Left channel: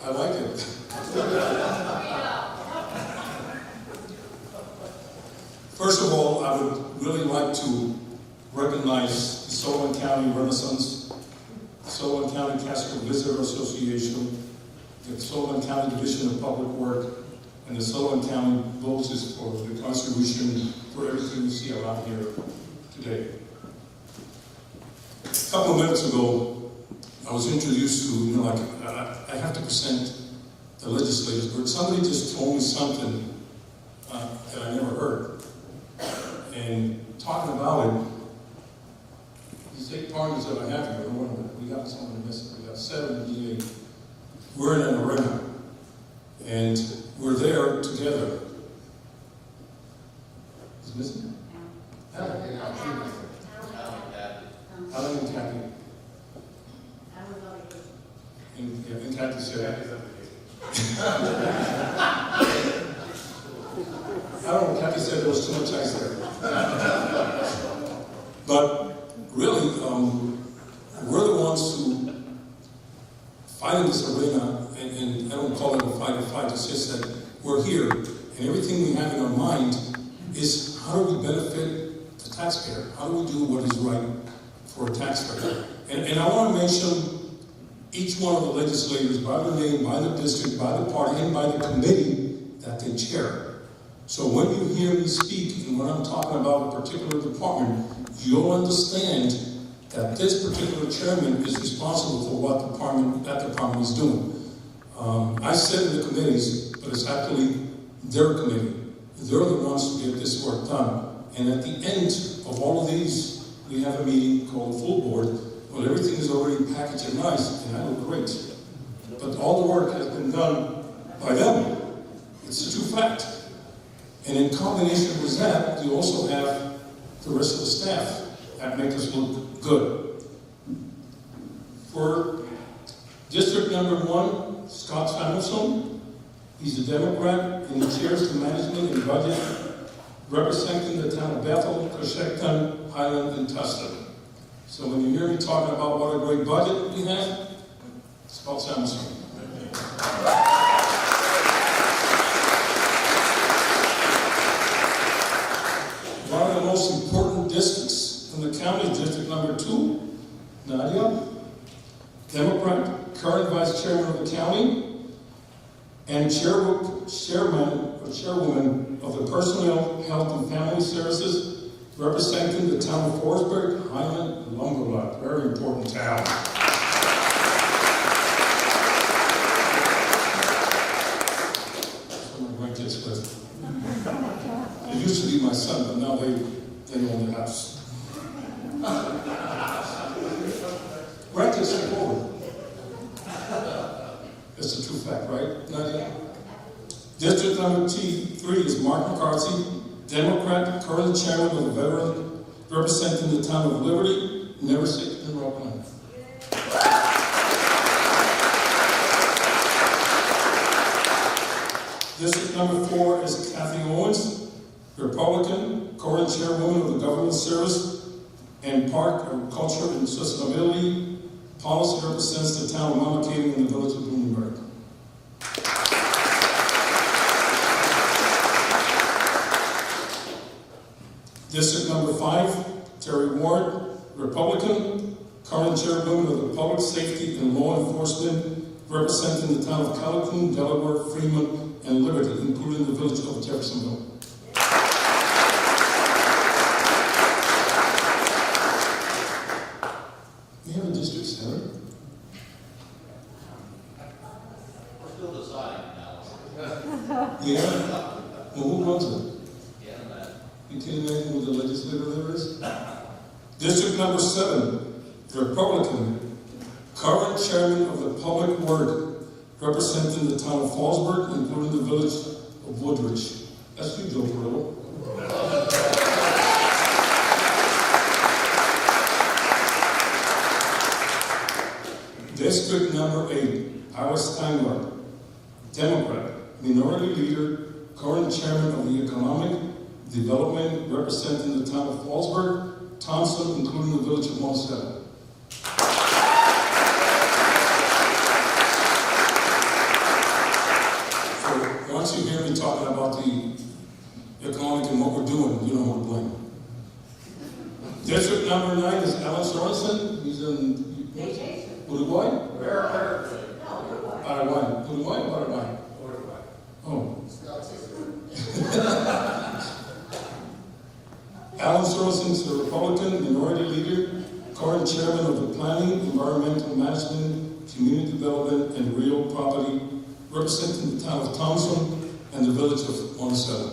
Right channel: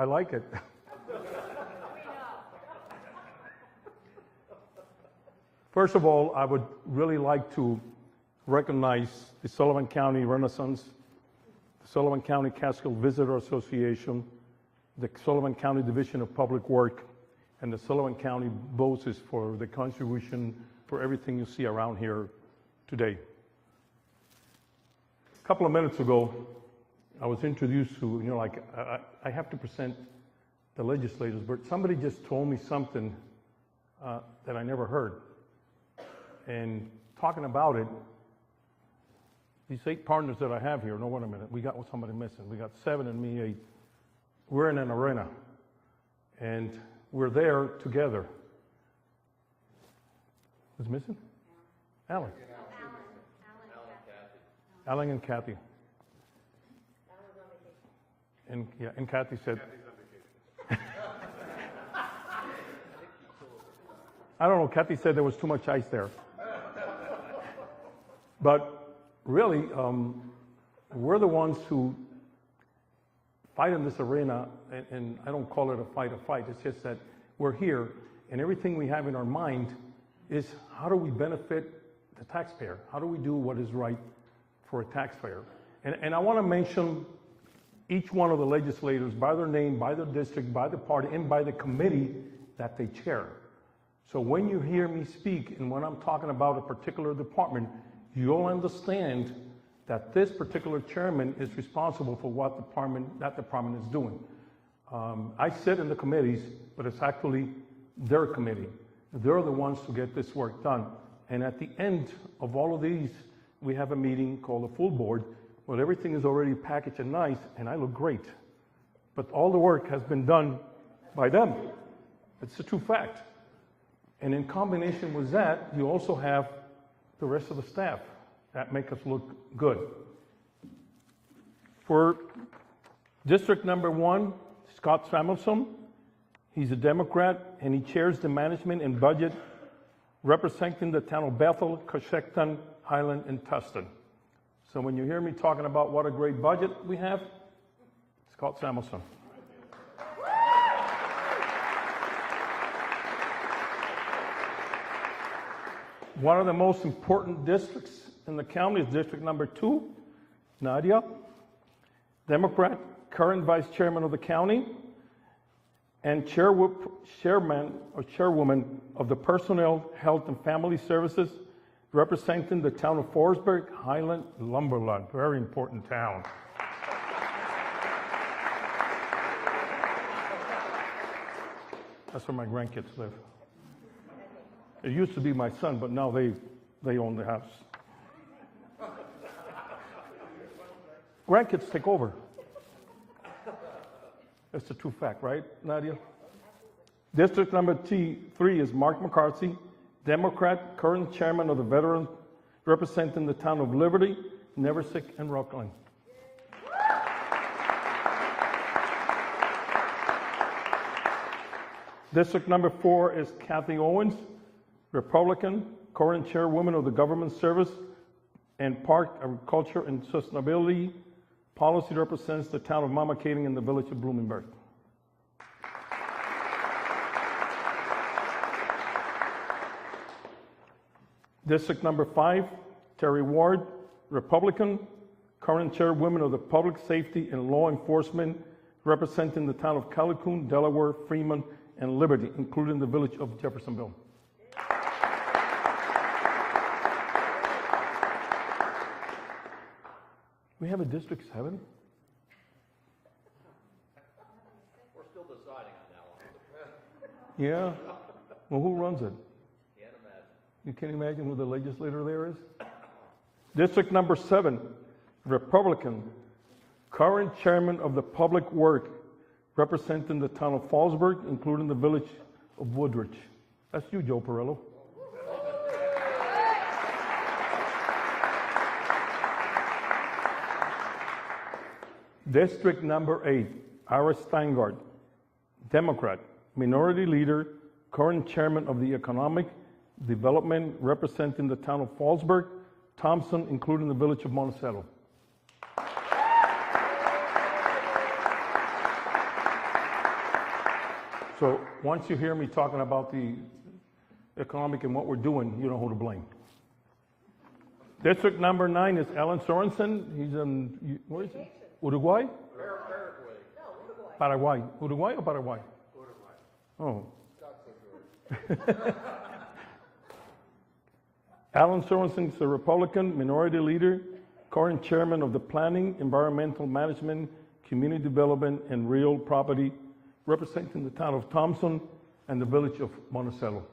I like it. First of all, I would really like to recognize the Sullivan County Renaissance, Sullivan County Castle Visitor Association, the Sullivan County Division of Public Work, and the Sullivan County Voters for the contribution for everything you see around here today. A couple of minutes ago, I was introduced to, I have to present the legislators, but somebody just told me something that I never heard. And talking about it, these 8 partners that I have here, we got somebody missing. We got 78. We're in an arena, and we're there together. Who's missing? Alan. Alan and Kathy. And Kathy said that. I don't know, Kathy said there was too much ice there. But really, we're the ones who fight in this arena, and I don't call it a fight, it's just that we're here, and everything we have in our mind is how do we benefit the taxpayer? How do we do what is right for a taxpayer? And I want to mention each one of the legislators by the name, by the district, by the party, and by the committee that they chair. So when you hear me speak, and when I'm talking about a particular department, you'll understand that this particular chairman is responsible for what that department is doing. I sit in the committees, but it's actually their committee. They're the ones who get this work done. And at the end of all of these, we have a meeting called the full board, where everything is already packaged and nice, and I look great. But all the work has been done by them. It's a true fact. And in combination with that, you also have the rest of the staff that make us look good. For District number 1, Scott Samuelson, he's a Democrat, and he chairs the management and budget, representing the town of Bethel, Coshecton, Highland, and Tustin. So when you hear me talking about what a great budget we have, Scott Samuelson. One of the most important districts in the county is District number 2, Nadia, Democrat, current Vice Chairman of the county, and Chairwoman of the Personnel, Health, and Family Services, representing the town of Forestburg, Highland, and Lumberloch. Very important town. That's where my grandkids live. It used to be my son, but now they own the house. Grandkids take over. It's a true fact, right? Nadia? District number 3 is Mark McCarthy, Democrat, current chairman of the Veterans, representing the town of Liberty, Neversick, and Rockland. District number 4 is Kathy Owens, Republican, current chairwoman of the Government Service and Park, Agriculture, and Sustainability. Policy represents the town of Mama Cave in the village of Bloomberg. District number 5, Terry Ward, Republican, current chairwoman of the Public Safety and Law Enforcement, representing the town of Calhoun, Delaware, Freeman, and Liberty, including the village of Jeffersonville. We have a district senator. We're still deciding now. Yeah? Well, who runs it? You can imagine who the legislator there is? District number 7, Republican, current chairman of the Public Work, representing the town of Fallsburg, including the village of Woodbridge. That's you, Joe Perillo. District number 8, Howard Steingart, Democrat, minority leader, current chairman of the Economic Development, representing the town of Fallsburg, Thompson, including the village of Monticello. once you hear me talking about the economic and what we're doing, you don't want to blame. District number 9 is Alan Sorensen. He's in Uruguay? Paraguay. Uruguay or Paraguay? Oh. Alan Sorensen is a Republican minority leader, current chairman of the Planning, Environmental Management, Community Development, and Real Property, representing the town of Thompson and the village of Monticello.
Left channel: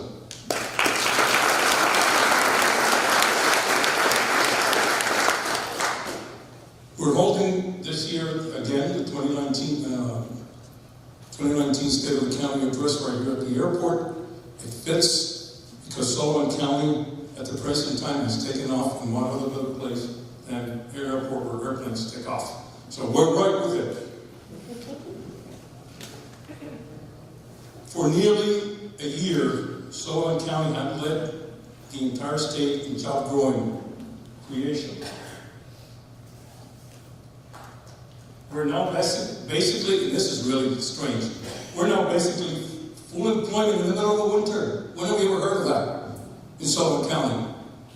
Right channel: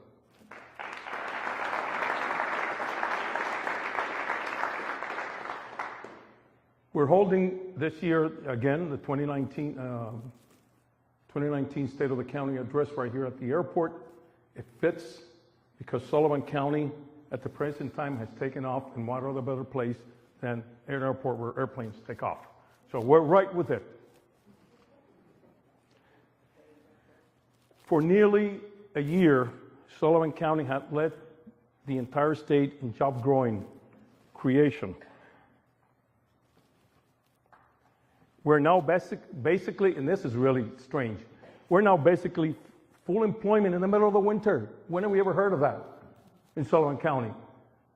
We're holding this year again the 2019 State of the County address right here at the airport. It fits because Sullivan County at the present time has taken off in one other place than an airport where airplanes take off. So we're right with it. For nearly a year, Sullivan County has led the entire state in job growing creation. We're now basically, this is really strange, we're now basically full employment in the middle of the winter. When have we ever heard of that in Sullivan County?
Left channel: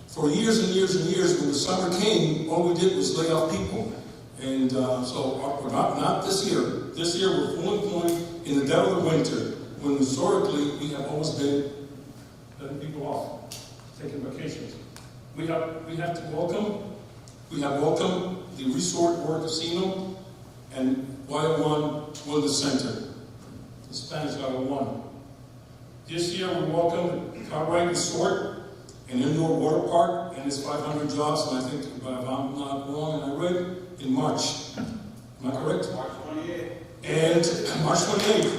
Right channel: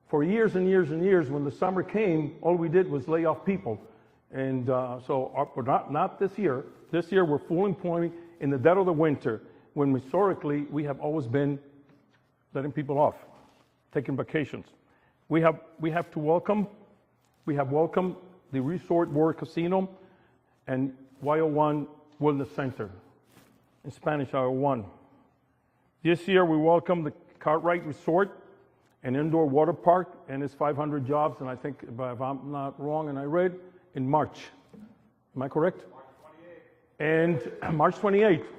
For years and years and years, when the summer came, all we did was lay off people. And so we're not this year. This year we're full employment in the dead of the winter, when historically we have always been letting people off, taking vacations. We have welcomed the Resort World Casino and YO1 Wellness Center. In Spanish, YO1. This year we welcome the Cartwright Resort, an indoor water park, and it's 500 jobs, and I think, if I'm not wrong, and I read, in March. Am I correct? March 28th. And March 28th.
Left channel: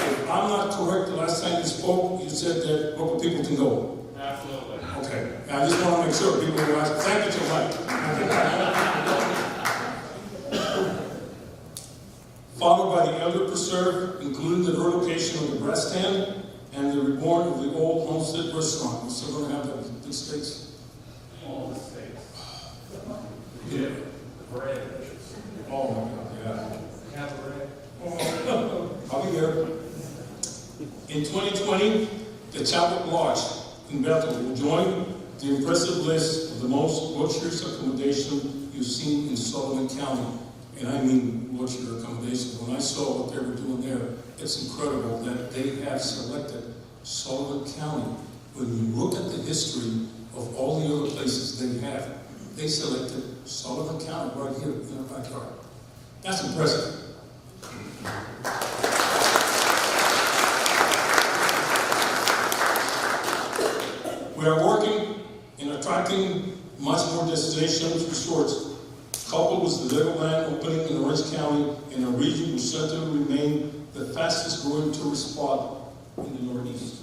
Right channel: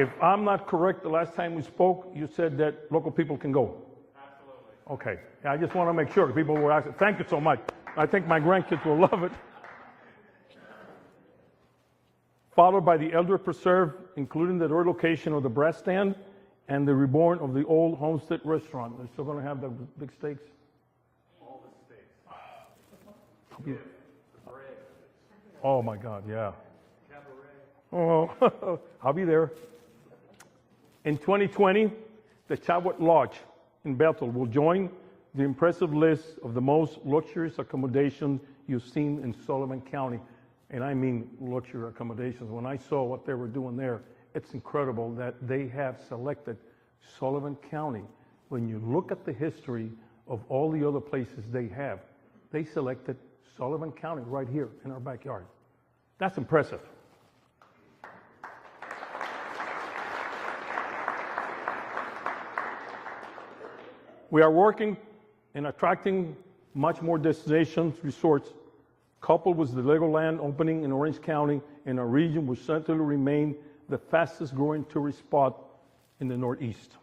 If I'm not correct, the last time we spoke, you said that local people can go. Absolutely. Okay, I just want to make sure people were asking. Thank you so much. I think my grandkids will love it. Followed by the Elder Preserve, including the new location of the bread stand and the reborn of the old homestead restaurant. We're still going to have the big steaks. All the states. Yeah. Bread. Oh my God, yeah. Have bread. Oh, I'll be there. In 2020, the Chowet Lodge in Bethel will join the impressive list of the most luxurious accommodation you've seen in Sullivan County. And I mean luxury accommodation. When I saw what they were doing there, it's incredible that they have selected Sullivan County. When you look at the history of all the other places they selected Sullivan County right here in our backyard. That's impressive. We are working and attracting much more destinations, resorts, coupled with the Legoland opening in Orange County in a region which set to remain the fastest growing tourist spot in the Northeast.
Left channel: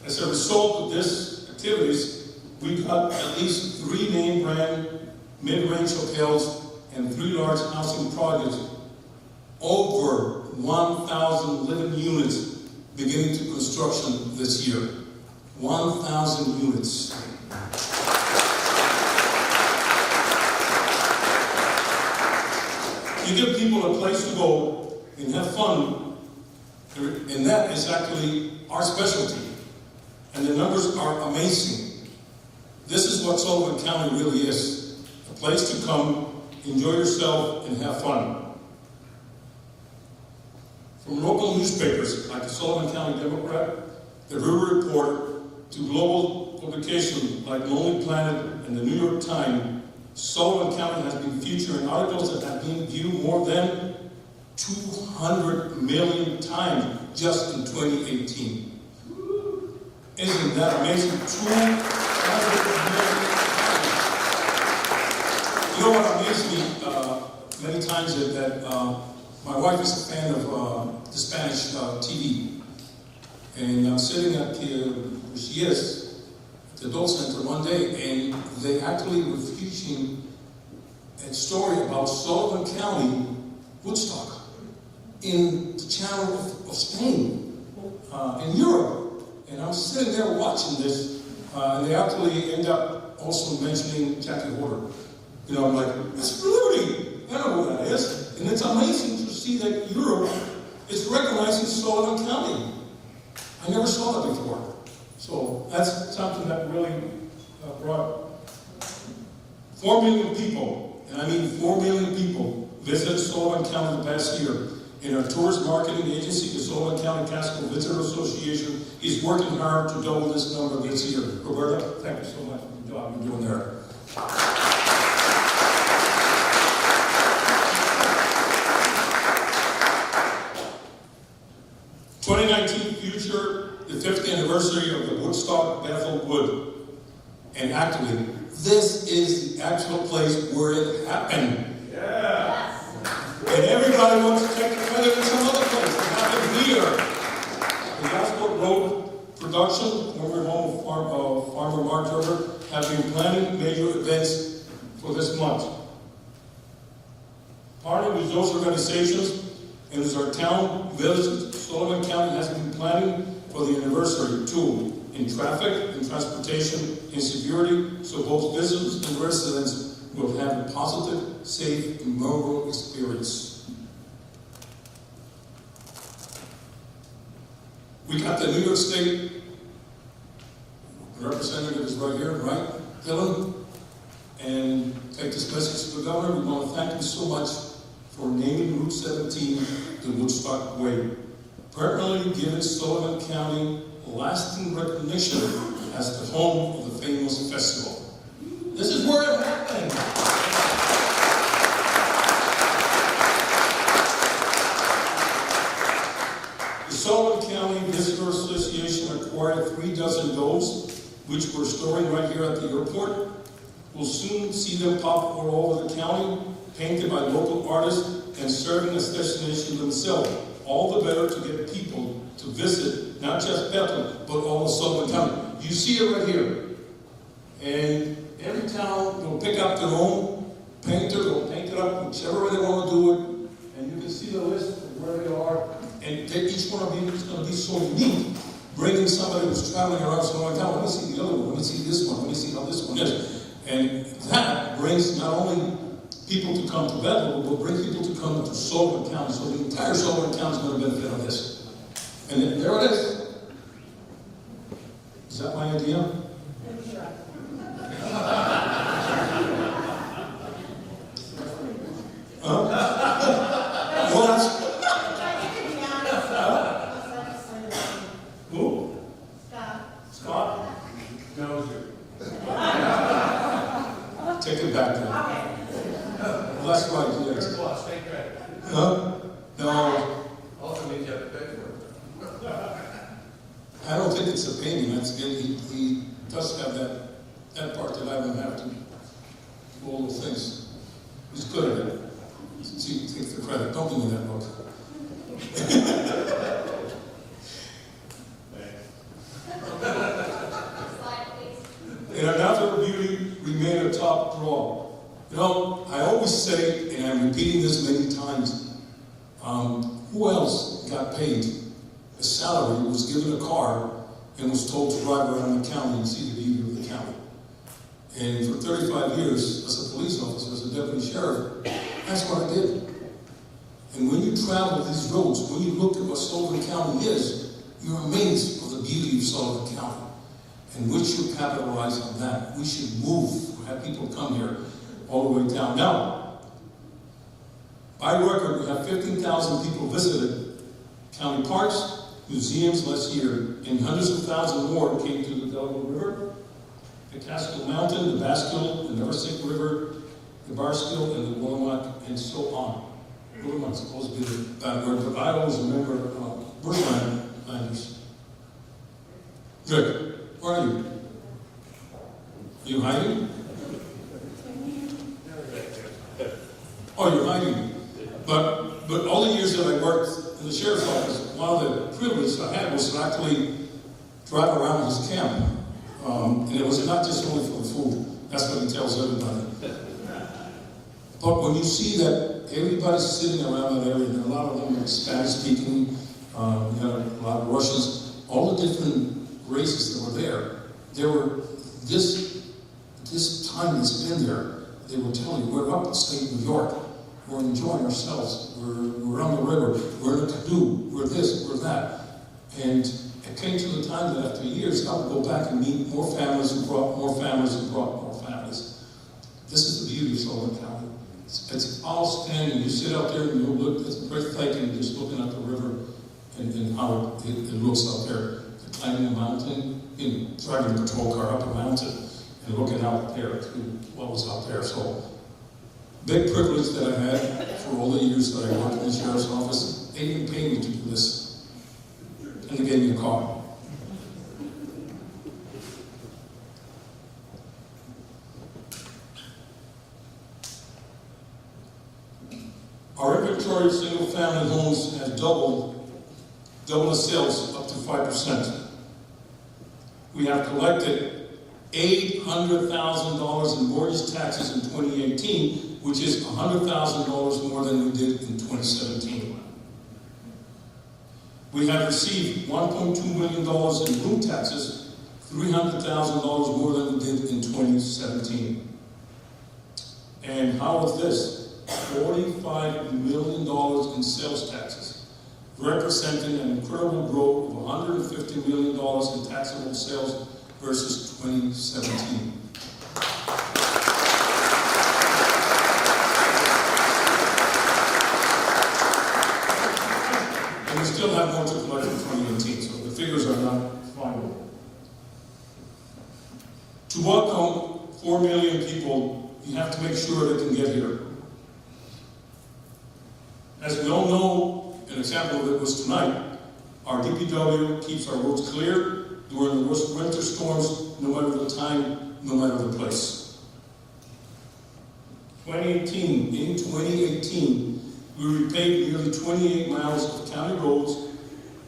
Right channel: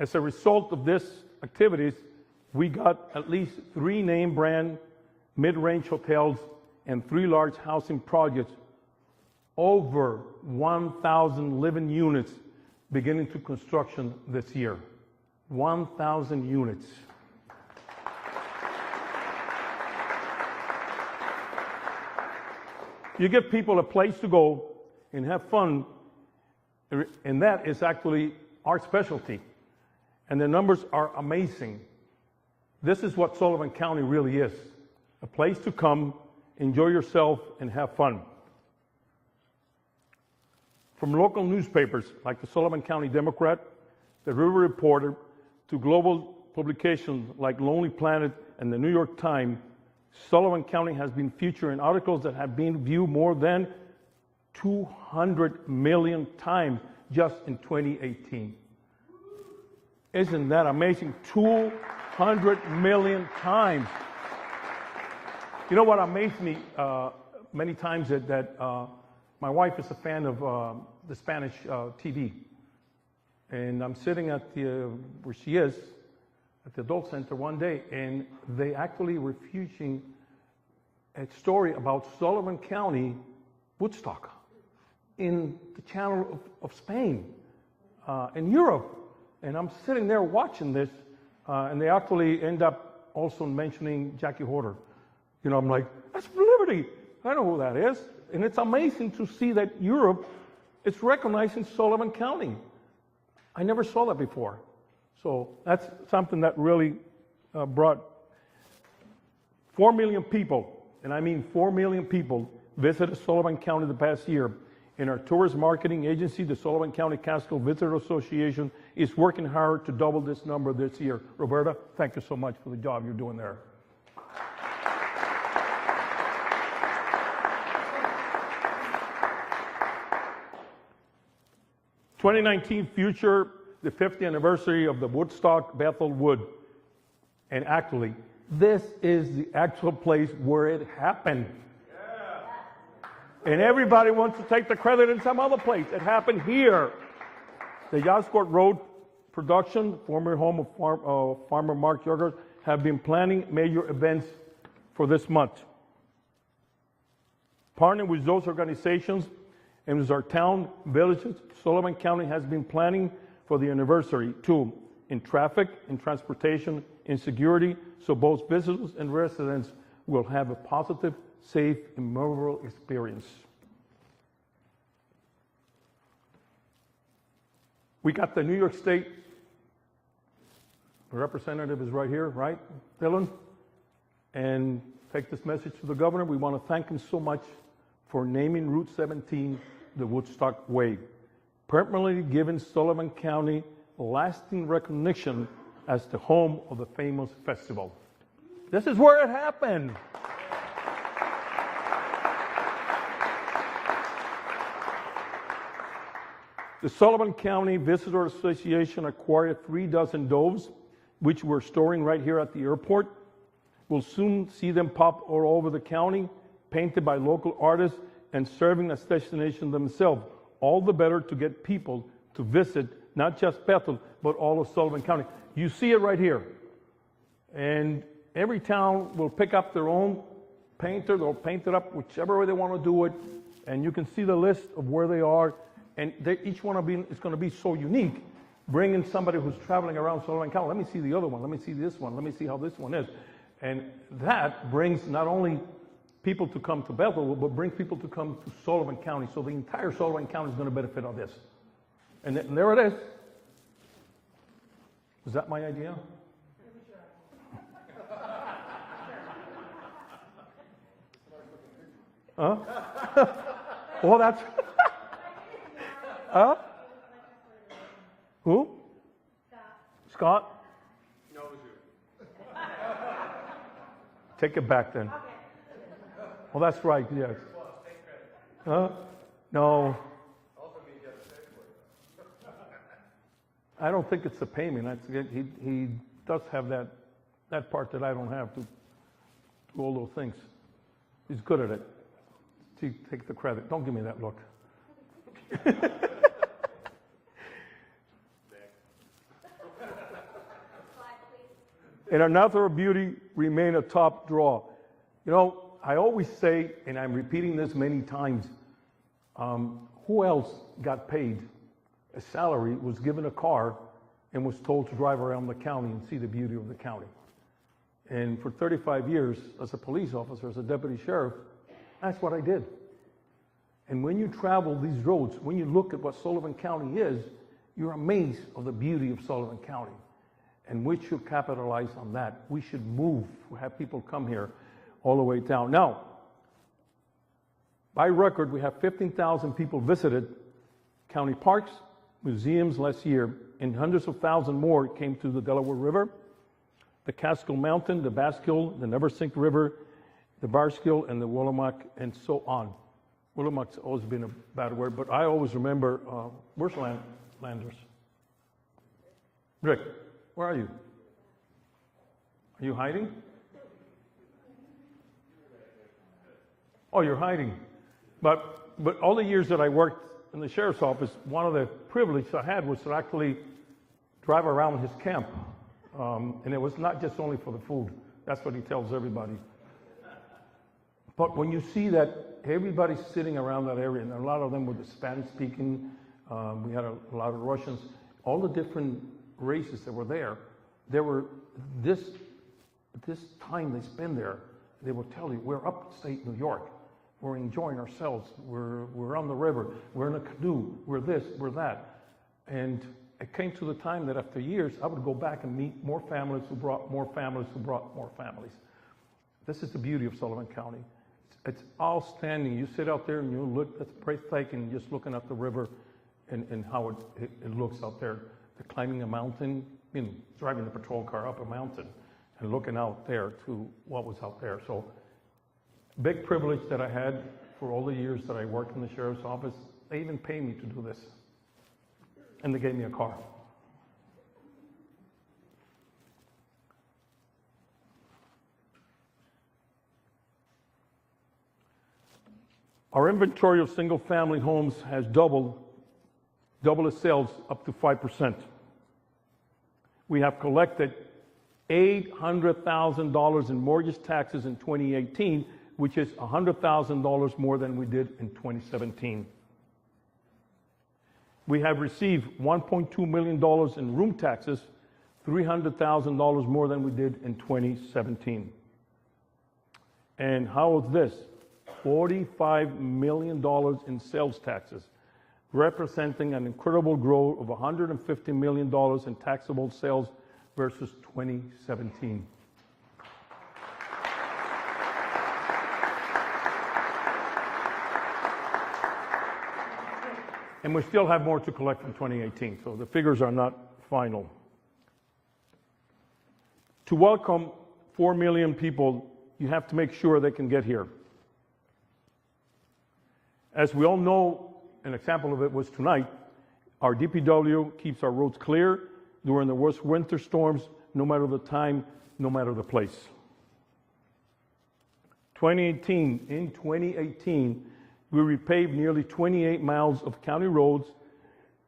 As a result of these activities, we got at least 3 name brand mid-range hotels and 3 large housing projects, over 1,000 living units beginning to construction this year. 1,000 units. You give people a place to go and have fun, and that is actually our specialty. And the numbers are amazing. This is what Sullivan County really is. A place to come, enjoy yourself, and have fun. From local newspapers like the Sullivan County Democrat, the River Report, to global publications like Lonely Planet and the New York Times, Sullivan County has been featured in articles that have been viewed more than 200 million times just in 2018. Isn't that amazing? 200 million times. You know what amazed me many times is that my wife is a fan of the Spanish TV. And I'm sitting at where she is, at the adult center one day, and they actually were featuring a story about Sullivan County, Woodstock, in the channel of Spain, in Europe. And I'm sitting there watching this, They actually end up also mentioning Jackie Horder. You know, like, that's Liberty. I know who that is. And it's amazing to see that Europe is recognizing Sullivan County. I never saw that before. So that's something that really brought 4 million people, and I mean 4 million people, visited Sullivan County the past year. And our tourist marketing agency, the Sullivan County Council Visitor Association, is working hard to double this number this year. Roberta, thank you so much for the job you're doing there. 2019 future, the 5th anniversary of the Woodstock Bethel Wood. And actually, this is the actual place where it happened. Yeah. And everybody wants to take the credit in some other place. It happened here. The Gosport Road Production, former home of Farmer Mark Turner, have been planning major events for this month. Partnering with those organizations and with our town, village, Sullivan County has been planning for the anniversary too, in traffic, in transportation, in security, so both visitors and residents will have a positive, safe, and memorable experience. We got the New York State representative is right here, right, Dylan? And take this message to the governor. We want to thank him so much for naming Route 17 the Woodstock Way, permanently giving Sullivan County lasting recognition as the home of the famous festival. This is where it happened. The Sullivan County Visitor Association acquired 3 dozen doves, which we're storing right here at the airport. We'll soon see them pop all over the county, painted by local artists and serving as destinations themselves. All the better to get people to visit, not just Bethel, but all of Sullivan County. You see it right here. And every town will pick up their own, paint it or paint it up, whichever way they want to do it. And you can see the list of where they are. And each one of these is going to be so unique. Bringing somebody who's traveling around Sullivan County, let me see the other one, let me see this one, let me see how this one is. And that brings not only people to come to Bethel, but will bring people to come to Sullivan County. So the entire Sullivan County is going to benefit on this. And then there it is. Is that my idea? Well, that's. Who? Scott. Take it back then. Well, that's right. Yes. No. I don't think it's a painting. He does have that part that I don't have to do all those things. He's good at it. He takes the credit. Don't give me that book. And another beauty remained a top draw. You know, I always say, and I'm repeating this many times, who else got paid a salary, was given a car, and was told to drive around the county and see the beauty of the county? And for 35 years, as a police officer, as a deputy sheriff, that's what I did. And when you travel these roads, when you look at what Sullivan County is, you're amazed with the beauty of Sullivan County. And we should capitalize on that. We should move, have people come here all the way down. Now, by record, we have 15,000 people visited county parks, museums last year, and hundreds of thousands more came to the Delaware River, the Catskill Mountain, the Basquill, the Neversink River, the Barskill, and the Willamette, and so on. Willamette's always been a bad word, but I always remember, where's Landers? Rick, where are you? Are you hiding? Oh, you're hiding. But all the years that I worked in the sheriff's office, one of the privileges I had was to actually drive around his camp. And it was not just only for the food. That's what he tells everybody. But when you see that everybody's sitting around that area, and a lot of them are Spanish speaking, you know, a lot of Russians, all the different races that were there, there were this time it's been there, they were telling you, we're up, say, New York, we're enjoying ourselves, we're on the river, we're in a canoe, we're this, we're that. And it came to the time that after years, I would go back and meet more families who brought more families who brought more families. This is the beauty of Sullivan County. It's outstanding. You sit out there and you look, it's breathtaking just looking at the river and how it looks out there. Climbing the mountain, driving the patrol car up the mountain and looking out there to what was out there. So, big privilege that I had for all the years that I worked in the sheriff's office. They even paid me to do this. And they gave me a car. Our inventory of single-family homes has doubled its sales up to 5%. We have collected $800,000 in mortgage taxes in 2018, which is $100,000 more than we did in 2017. We have received $1.2 million in room taxes, $300,000 more than we did in 2017. And how is this? $45 million in sales taxes, representing an incredible growth of $150 million in taxable sales versus 2017. And we still have more to collect in 2018, so the figures are not final. To welcome 4 million people, you have to make sure they can get here. As we all know, an example of it was tonight, our DPW keeps our roads clear during the worst winter storms, no matter the time, no matter the place. In 2018, we repaved nearly 28 miles of county roads,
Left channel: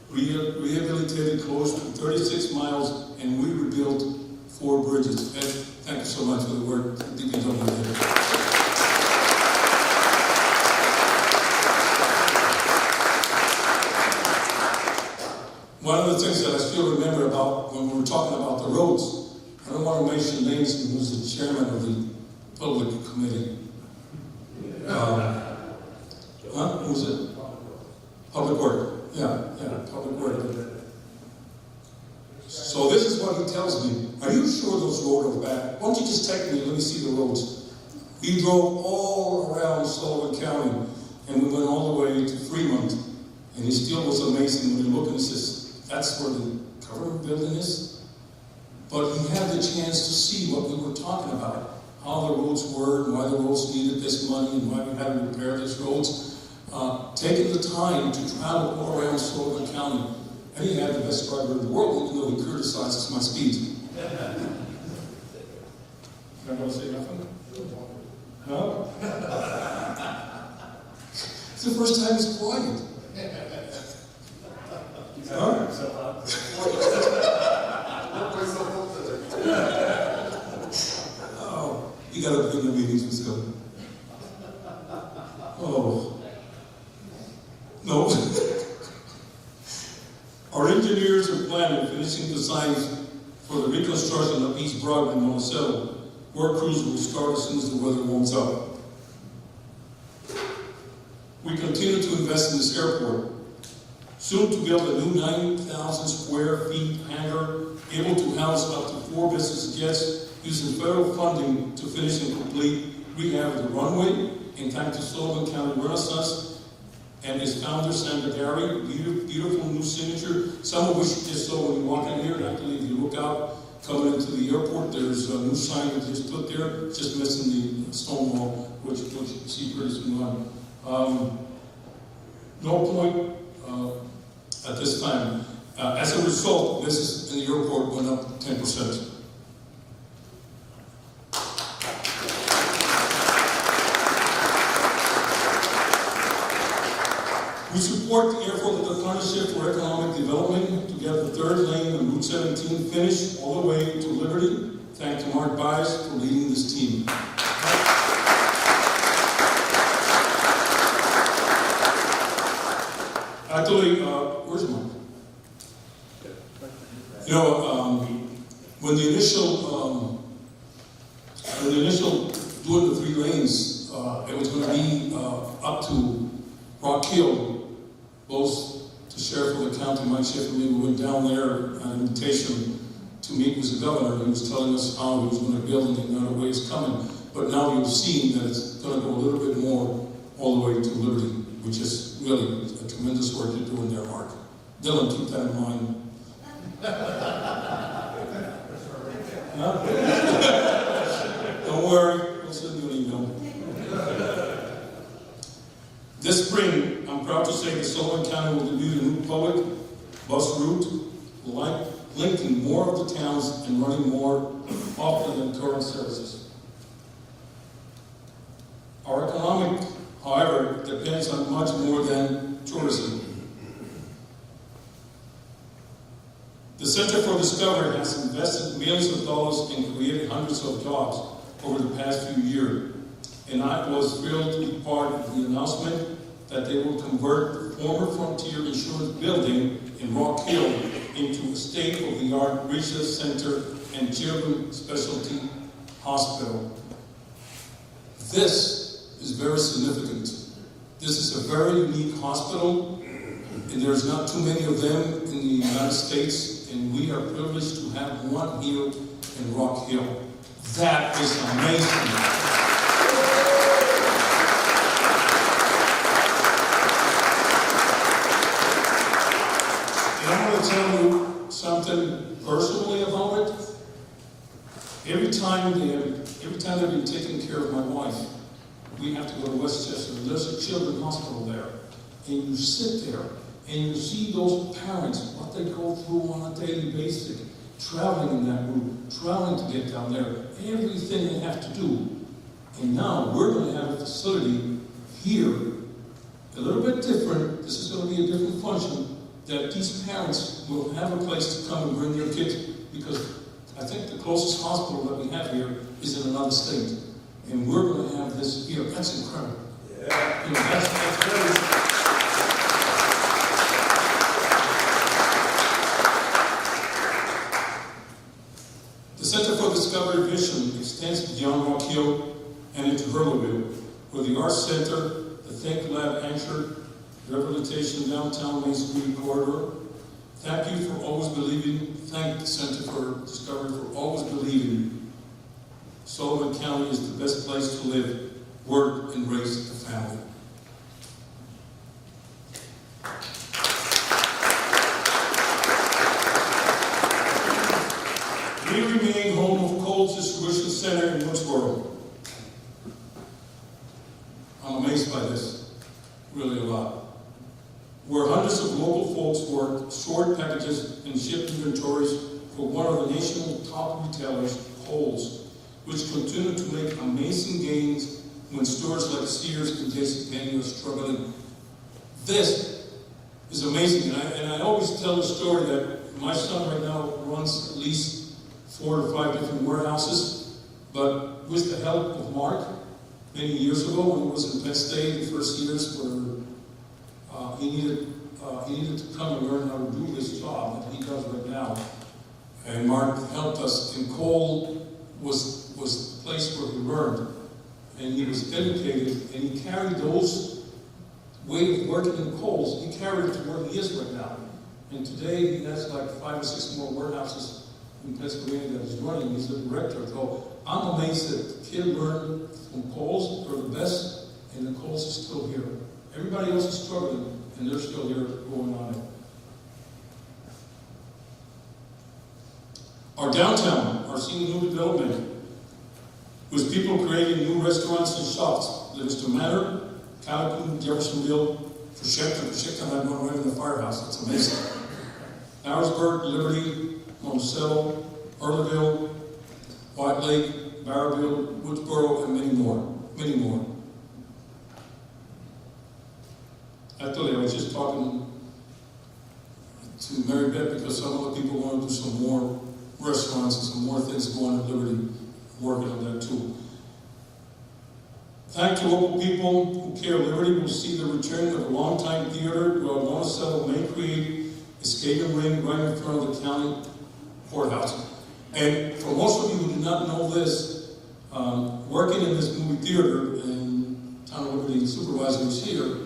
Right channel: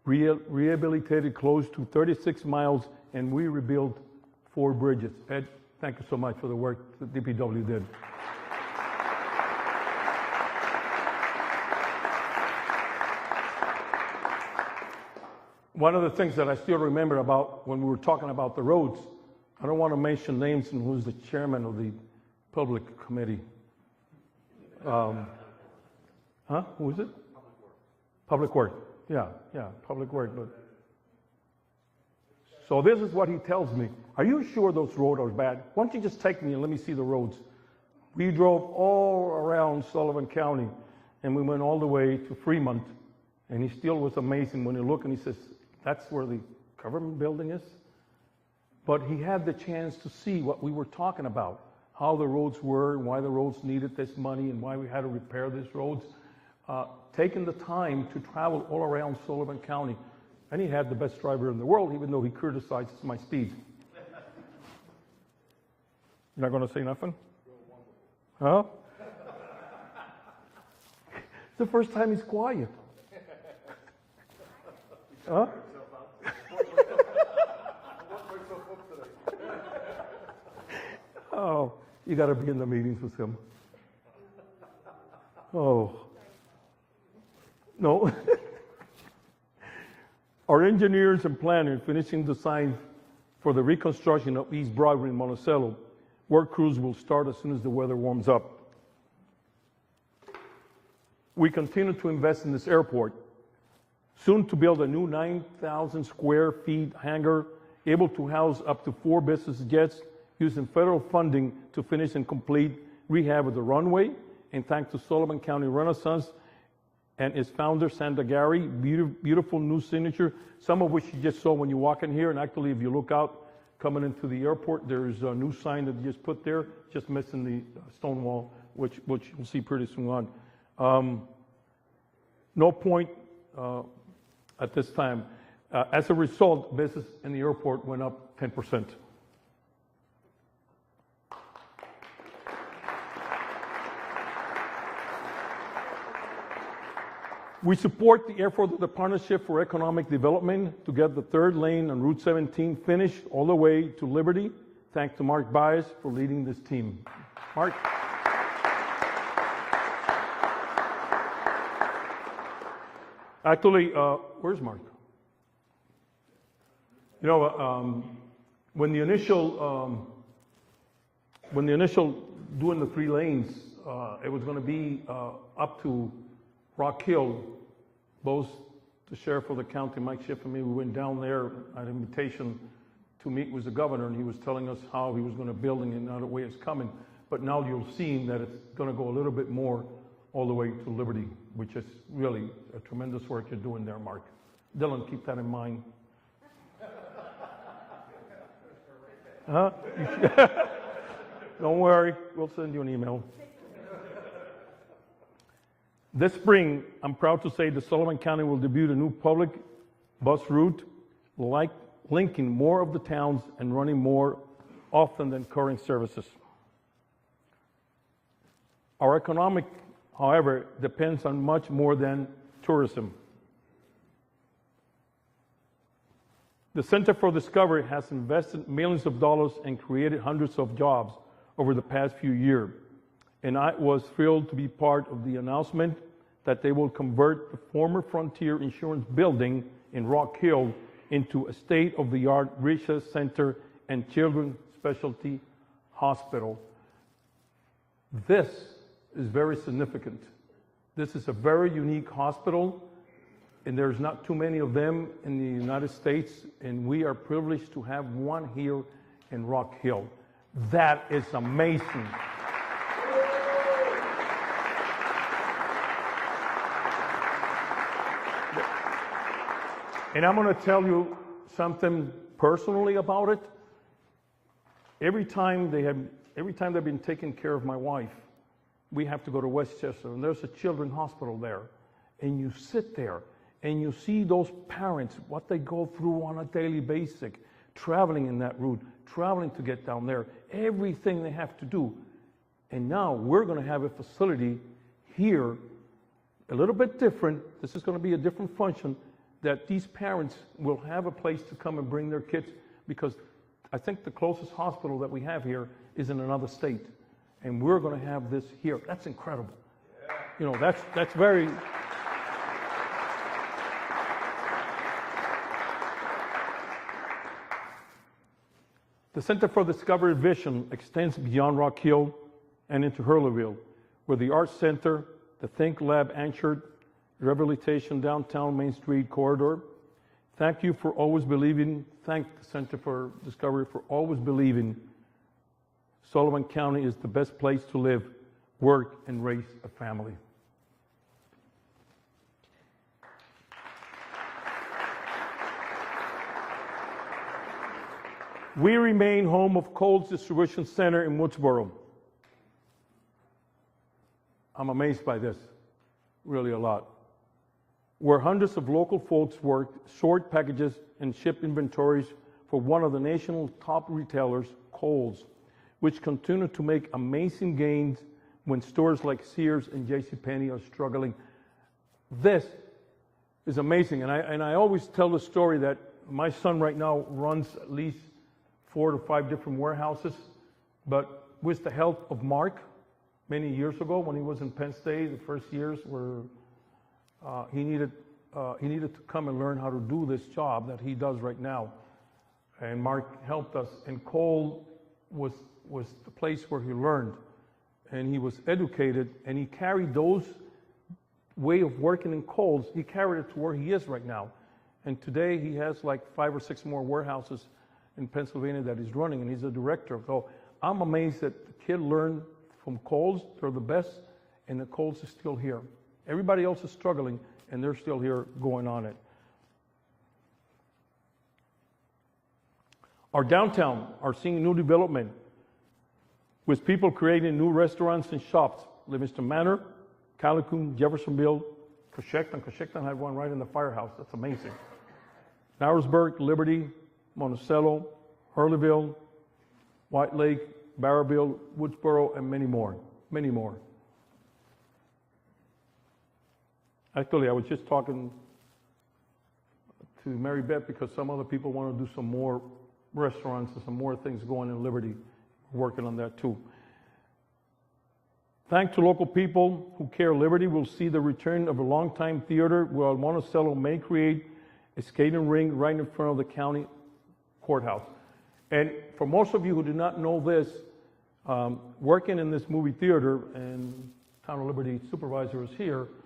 rehabilitated close to 36 miles, and we rebuilt 4 bridges. And thank you so much for the work DPW did. One of the things that I still remember about when we were talking about the roads, I don't want to mention names and who's the chairman of the public committee. Who's it? Public Work. Yeah, Public Work. So this is what he tells me. Are you sure those roads are bad? Why don't you just take me and let me see the roads? We drove all around Sullivan County and we went all the way to Fremont. And he still was amazing when you look and he says, that's where the government building is. But he had the chance to see what we were talking about, how the roads were, why the roads needed this money, why we had to repair these roads. Taking the time to travel all around Sullivan County. And he had the best driver in the world, even though he criticizes my speed. You're not going to say nothing? Huh? It's the first time he's quiet. Huh? Oh, you got to be in the meetings with Sullivan. Oh. No. Our engineers and planners finishing the signs for the reconstruction of East Broadway in Monticello. Work crews will start as soon as the weather warms up. We continue to invest in this airport. Soon to build a new 9,000 square feet hangar, able to house up to 4 business jets, using federal funding to finish and complete rehab of the runway, and thanks to Sullivan County Renaissance and its founder, Sandra Gary, beautiful new signature, some of which you just saw when you walk in here. And actually, if you look out coming into the airport, there's a new sign we just put there, just missing the stone wall, which you see pretty soon on. No point at this time. As a result, business in the airport went up 10%. We support the effort of the Partnership for Economic Development to get the 3rd lane of Route 17 finished all the way to Liberty. Thank you, Mark Bias, for leading this team. Actually, where's mine? when the initial doing the 3 lanes, it was going to be up to Rock Hill, both the sheriff of the county, Mike Chifley, went down there on an invitation to meet with the governor. He was telling us how he was going to build it and another way it's coming. But now you've seen that it's going to go a little bit more all the way to Liberty, which is really a tremendous work to do in their mark. Dylan, keep that in mind. Huh? Don't worry, we'll send you an email. This spring, I'm proud to say that Sullivan County will debut the new public bus route, linking more of the towns and running more often than current services. Our economic, however, depends on much more than tourism. The Center for Discovery has invested millions of dollars and created hundreds of jobs over the past few years. And I was thrilled to be part of the announcement that they will convert the former Frontier Insurance Building in Rock Hill into a state-of-the-art research center and children's specialty hospital. This is very significant. This is a very unique hospital, and there's not too many of them in the United States, and we are privileged to have one here in Rock Hill. That is amazing. And I'm going to tell you something personally about it. Every time I've been taking care of my wife, we have to go to Westchester. There's a children's hospital there. And you sit there and you see those parents, what they go through on a daily basis, traveling in that route, traveling to get down there, everything they have to do. And now we're going to have a facility here, a little bit different. This is going to be a different function, that these parents will have a place to come and bring their kids, because I think the closest hospital that we have here is in another state. And we're going to have this here. That's incredible. Yeah. You know, that's very... The Center for Discovery vision extends beyond Rock Hill and into Hurleyville, where the Arts Center, the Think Lab anchored rehabilitation downtown Main Street corridor. Thank you for always believing. Thank the Center for Discovery for always believing Sullivan County is the best place to live, work, and raise a family. We remain home of Coles Distribution Center in Woodsboro. I'm amazed by this, really a lot. Where hundreds of local folks work, sort packages, and ship inventories for one of the nation's top retailers, Kohl's, which continue to make amazing gains when stores like Sears and JCPenney are struggling. This is amazing, and I always tell the story that my son right now runs at least 4 or 5 different warehouses, but with the help of Mark, many years ago when he was in Penn State, the first years where he needed to come and learn how to do this job that he does right now. And Mark helped us, and Cole was the place where he learned, and he was educated, and he carried those way of working in Kohl's, he carried it to where he is right now. And today he has like 5 or 6 more warehouses in Pennsylvania that he's running, and he's a director. So I'm amazed that the kid learned from Kohl's, they're the best, and the Kohl's is still here. Everybody else is struggling, and they're still here going on it. Our downtown are seeing new development, with people creating new restaurants and shops. Livingston Manor, Calhoun, Jeffersonville, Pacheco, and I went right in the firehouse. It's amazing. Narrowsburg, Liberty, Monticello, Hurleyville, White Lake, Barrowville, Woodsboro, and many more. Many more. Actually, I was just talking to Mary Beth because some of the people want to do some more restaurants and some more things going on at Liberty, working on that too. Thank the local people who care. Liberty will see the return of a longtime theater where Monticello may create a skating ring right in front of the county courthouse. And for most of you who do not know this, working in this movie theater, and Tom Liberty, the supervisor, was here,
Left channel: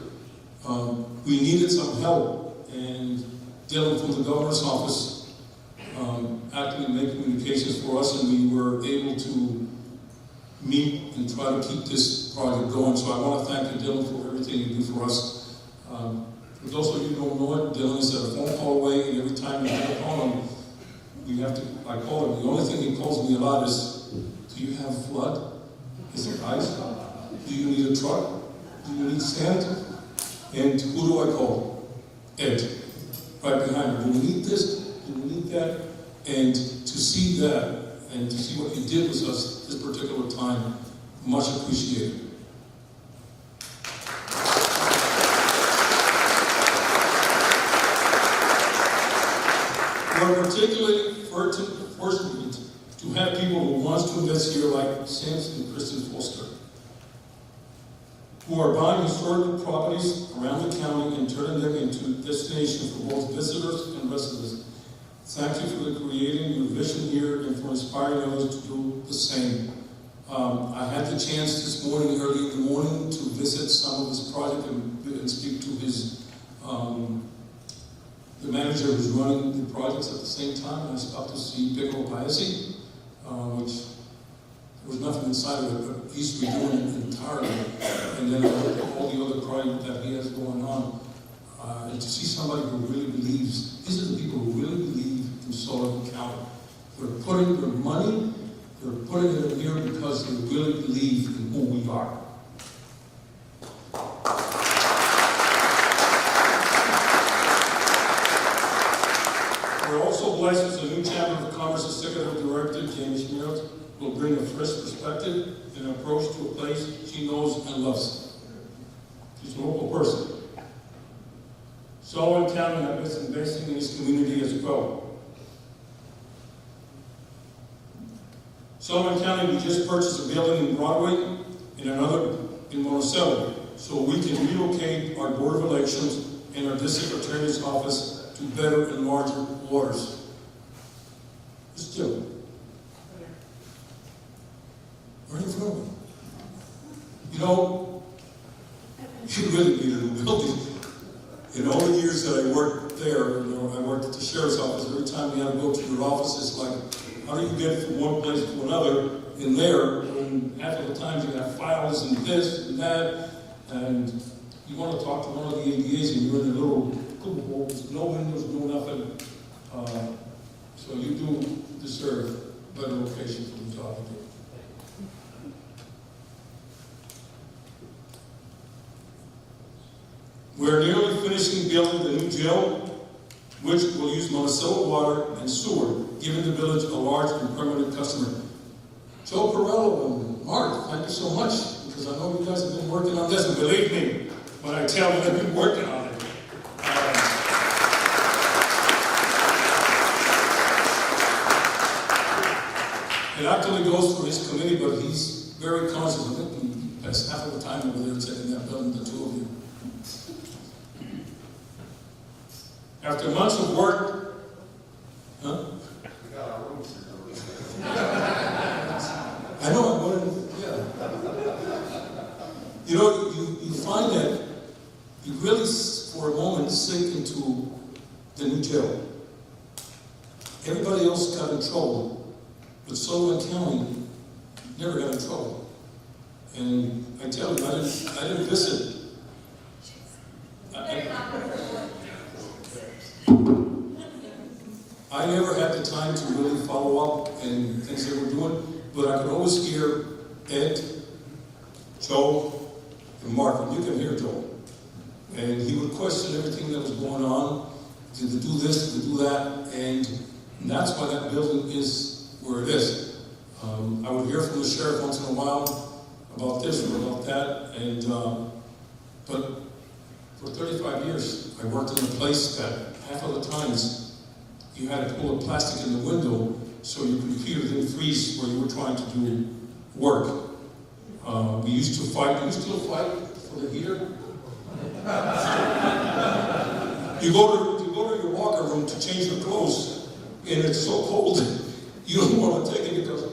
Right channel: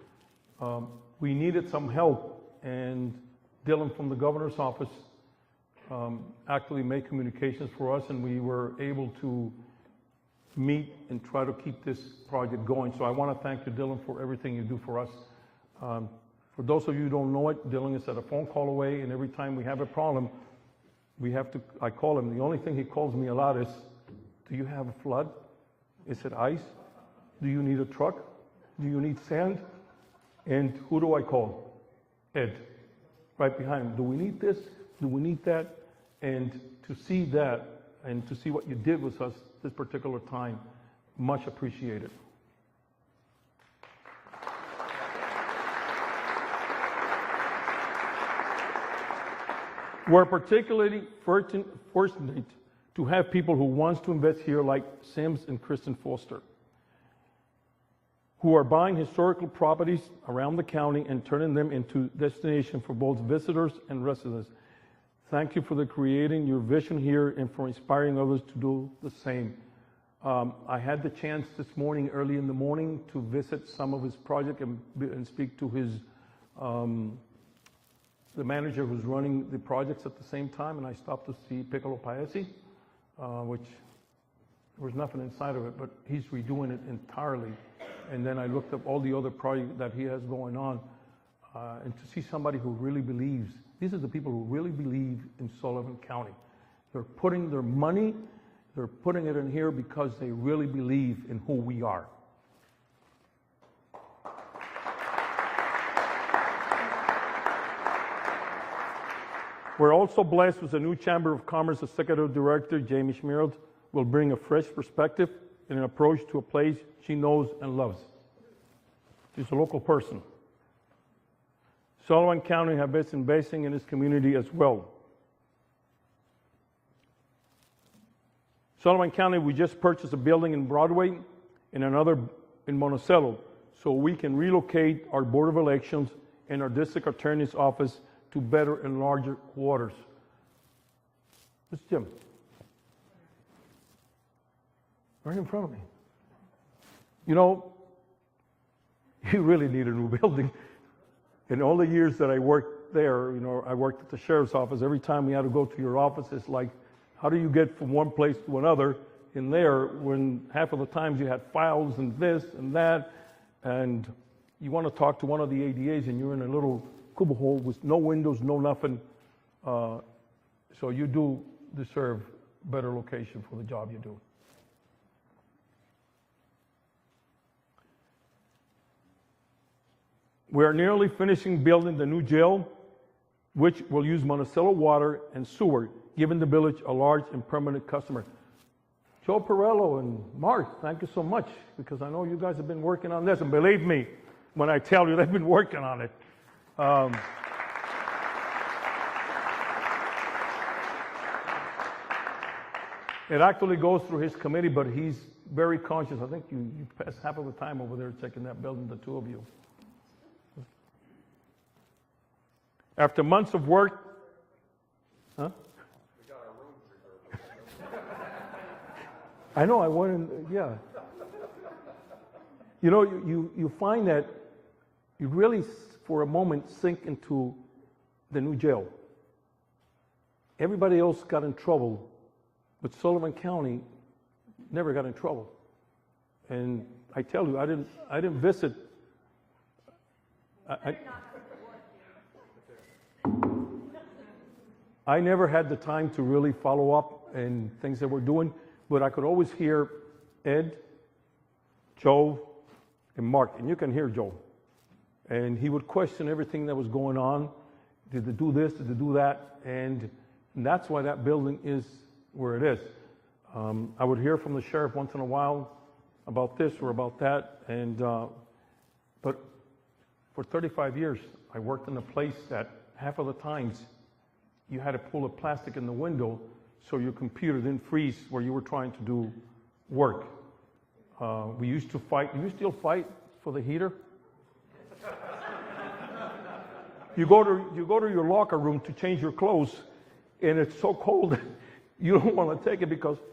we needed some help, and Dylan from the governor's office actively made communications for us, and we were able to meet and try to keep this project going. So I want to thank you, Dylan, for everything you do for us. For those of you who don't know it, Dylan is at a phone call away, and every time we have to call him, I call him, the only thing he calls me a lot is, do you have a flood? Is there ice? Do you need a truck? Do you need sand? And who do I call? Ed. Right behind me. Do we need this? Do we need that? And to see that, and to see what you did with us this particular time, much appreciated. We're particularly fortunate to have people who want to invest here like Sims and Kristen Foster, who are buying historical properties around the county and turning them into destinations for both visitors and residents. Thank you for creating your vision here and for inspiring others to do the same. I had the chance this morning, early in the morning, to visit some of this project and speak to his the manager who's running the projects at the same time. I stopped to see Pedro Blasi, which there was nothing inside of it, but he's redoing it entirely. And then I looked at all the other projects that he has going on. And to see somebody who really believes, these are the people who really believe in Sullivan County. They're putting their money, they're putting it in here because they really believe in who we are. We're also blessed as the new Chamber of Commerce Executive Director, James Meredith, will bring a fresh perspective and an approach to a place she knows and loves. She's a local person. Sullivan County has been investing in its community as well. Sullivan County, we just purchased a building in Broadway and another in Monticello, so we can relocate our Board of Elections and our District Attorney's Office to better and larger waters. It's still right in front of me. You know, you really need a new building. In all the years that I worked there, I worked at the sheriff's office, every time you had to go to your office, it's like, how do you get from one place to another in there when half of the time you had files and this and that, and you want to talk to one of the ADAs and you're in a little cubicle with no windows, no nothing. So you do deserve a better location for the job you do. We're nearly finishing building the new jail, which will use Monticello water and sewer, giving the village a large and permanent customer. Joe Perello and Mark, thank you so much, because I know you guys have been working on this. And believe me, when I tell you they've been working on it. It actually goes through his committee, but he's very conscious of it, and he spends half of the time over there taking that building, the two of you. After months of work, I know, yeah. You know, you find that you really, for a moment, sink into the new jail. Everybody else got in trouble, but Sullivan County never got in trouble. And I tell you, I didn't visit. I never had the time to really follow up and things that we're doing, but I could always hear Ed, Joe, and Mark. You can hear Joe. And he would question everything that was going on. Did they do this? Did they do that? And that's why that building is where it is. I would hear from the sheriff once in a while about this or about that. And but for 35 years, I worked in a place that half of the times you had to pull the plastic in the window so your computer didn't freeze where you were trying to do work. We used to fight. Do you still fight for the heater? You go to your locker room to change your clothes, and it's so cold you don't want to take it because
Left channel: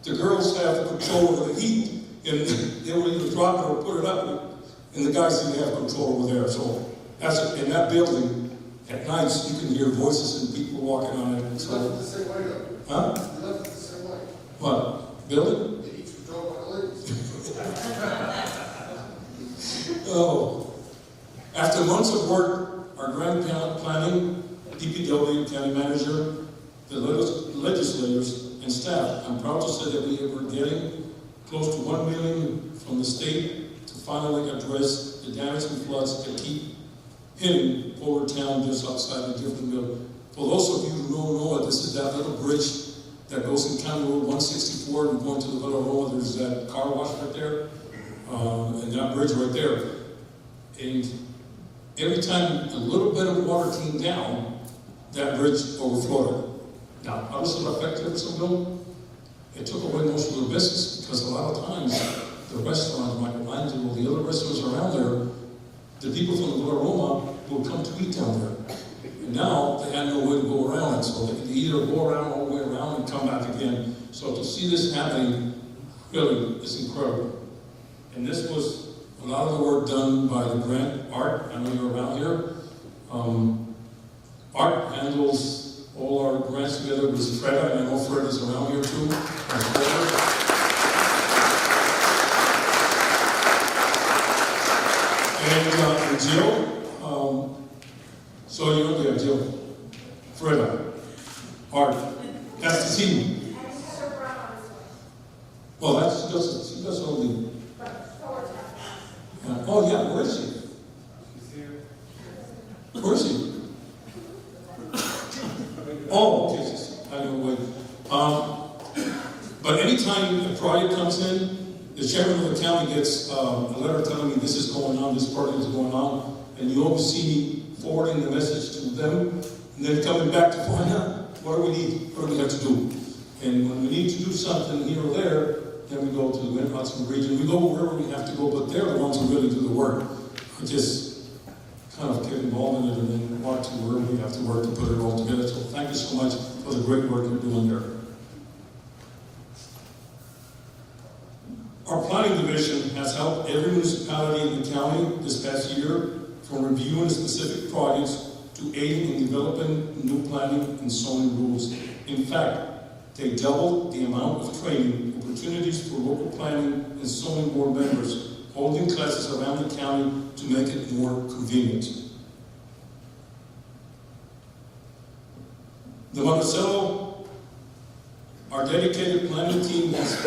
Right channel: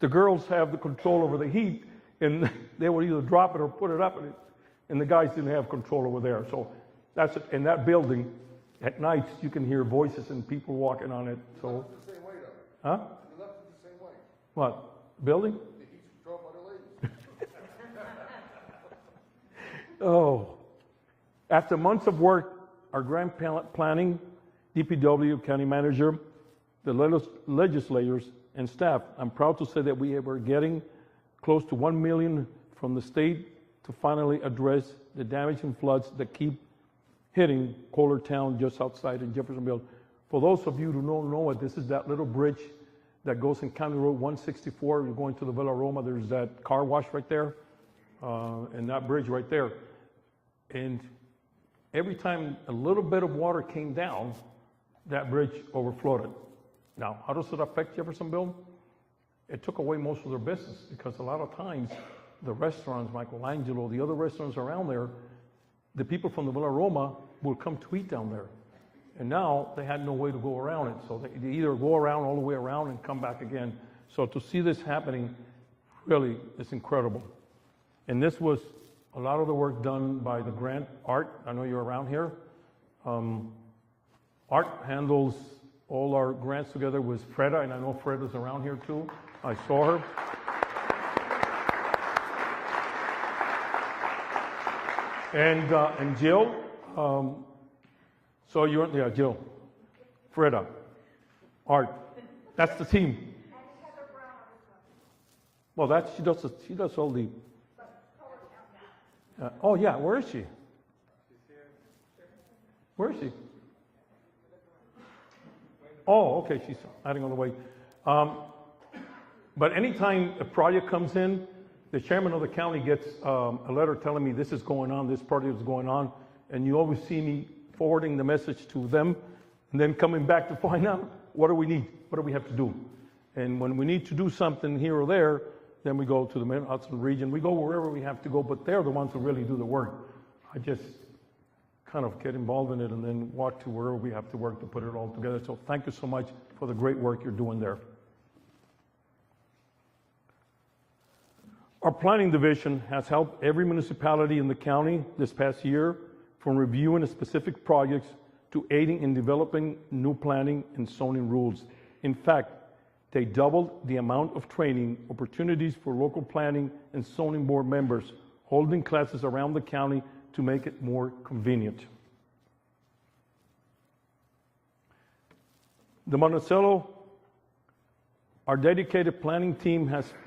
the girls have control over the heat, and they will either drop it or put it up, and the guys didn't have control over there. So that's in that building. At nights, you can hear voices and people walking on it. So, Left it the same way though. huh? You left it the same way. What building? They each control by the ladies. Oh, after months of work, our grant talent planning, DPW, county manager, the legislators, and staff, I'm proud to say that we were getting close to $1 million from the state to finally address the damage and floods that keep hitting Porter Town just outside of Jeffersonville. For those of you who don't know it, this is that little bridge that goes in County Road 164 and going to the Villa Roma. There's that car wash right there, and that bridge right there. And every time a little bit of water came down, that bridge overflowed. Now, how does it affect Jeffersonville? It took away most of the business because a lot of times the restaurants like Langdon or the other restaurants around there, the people from the Villa Roma will come to eat down there. And now they have no way to go around it, so they can either go around all the way around and come back again. So to see this happening, really, it's incredible. And this was a lot of the work done by the grant Art. I know you're around here. Art handles all our grants together with Fred. I know Fred is around here too. Our daughter. And Jill. So you're Jill. Fred. Art. That's the team. Well, she does only. Oh yeah, where is she? Where is she? Oh, okay, I don't know, wait. But anytime the project comes in, the chairman of the county gets a letter telling me this is going on, this project is going on, and you always see me forwarding the message to them, and then coming back to find out what do we need, what do we have to do. And when we need to do something here or there, then we go to the Mid-Hudson region. We go wherever we have to go, but they're the ones who really do the work. We just kind of get involved in it and then watch where we have to work to put it all together. So thank you so much for the great work you're doing there. Our planning division has helped every municipality in the county this past year from reviewing specific projects to aiding in developing new planning and zoning rules. In fact, they doubled the amount of training opportunities for local planning and zoning board members, holding classes around the county to make it more convenient. The Monticello, our dedicated planning team has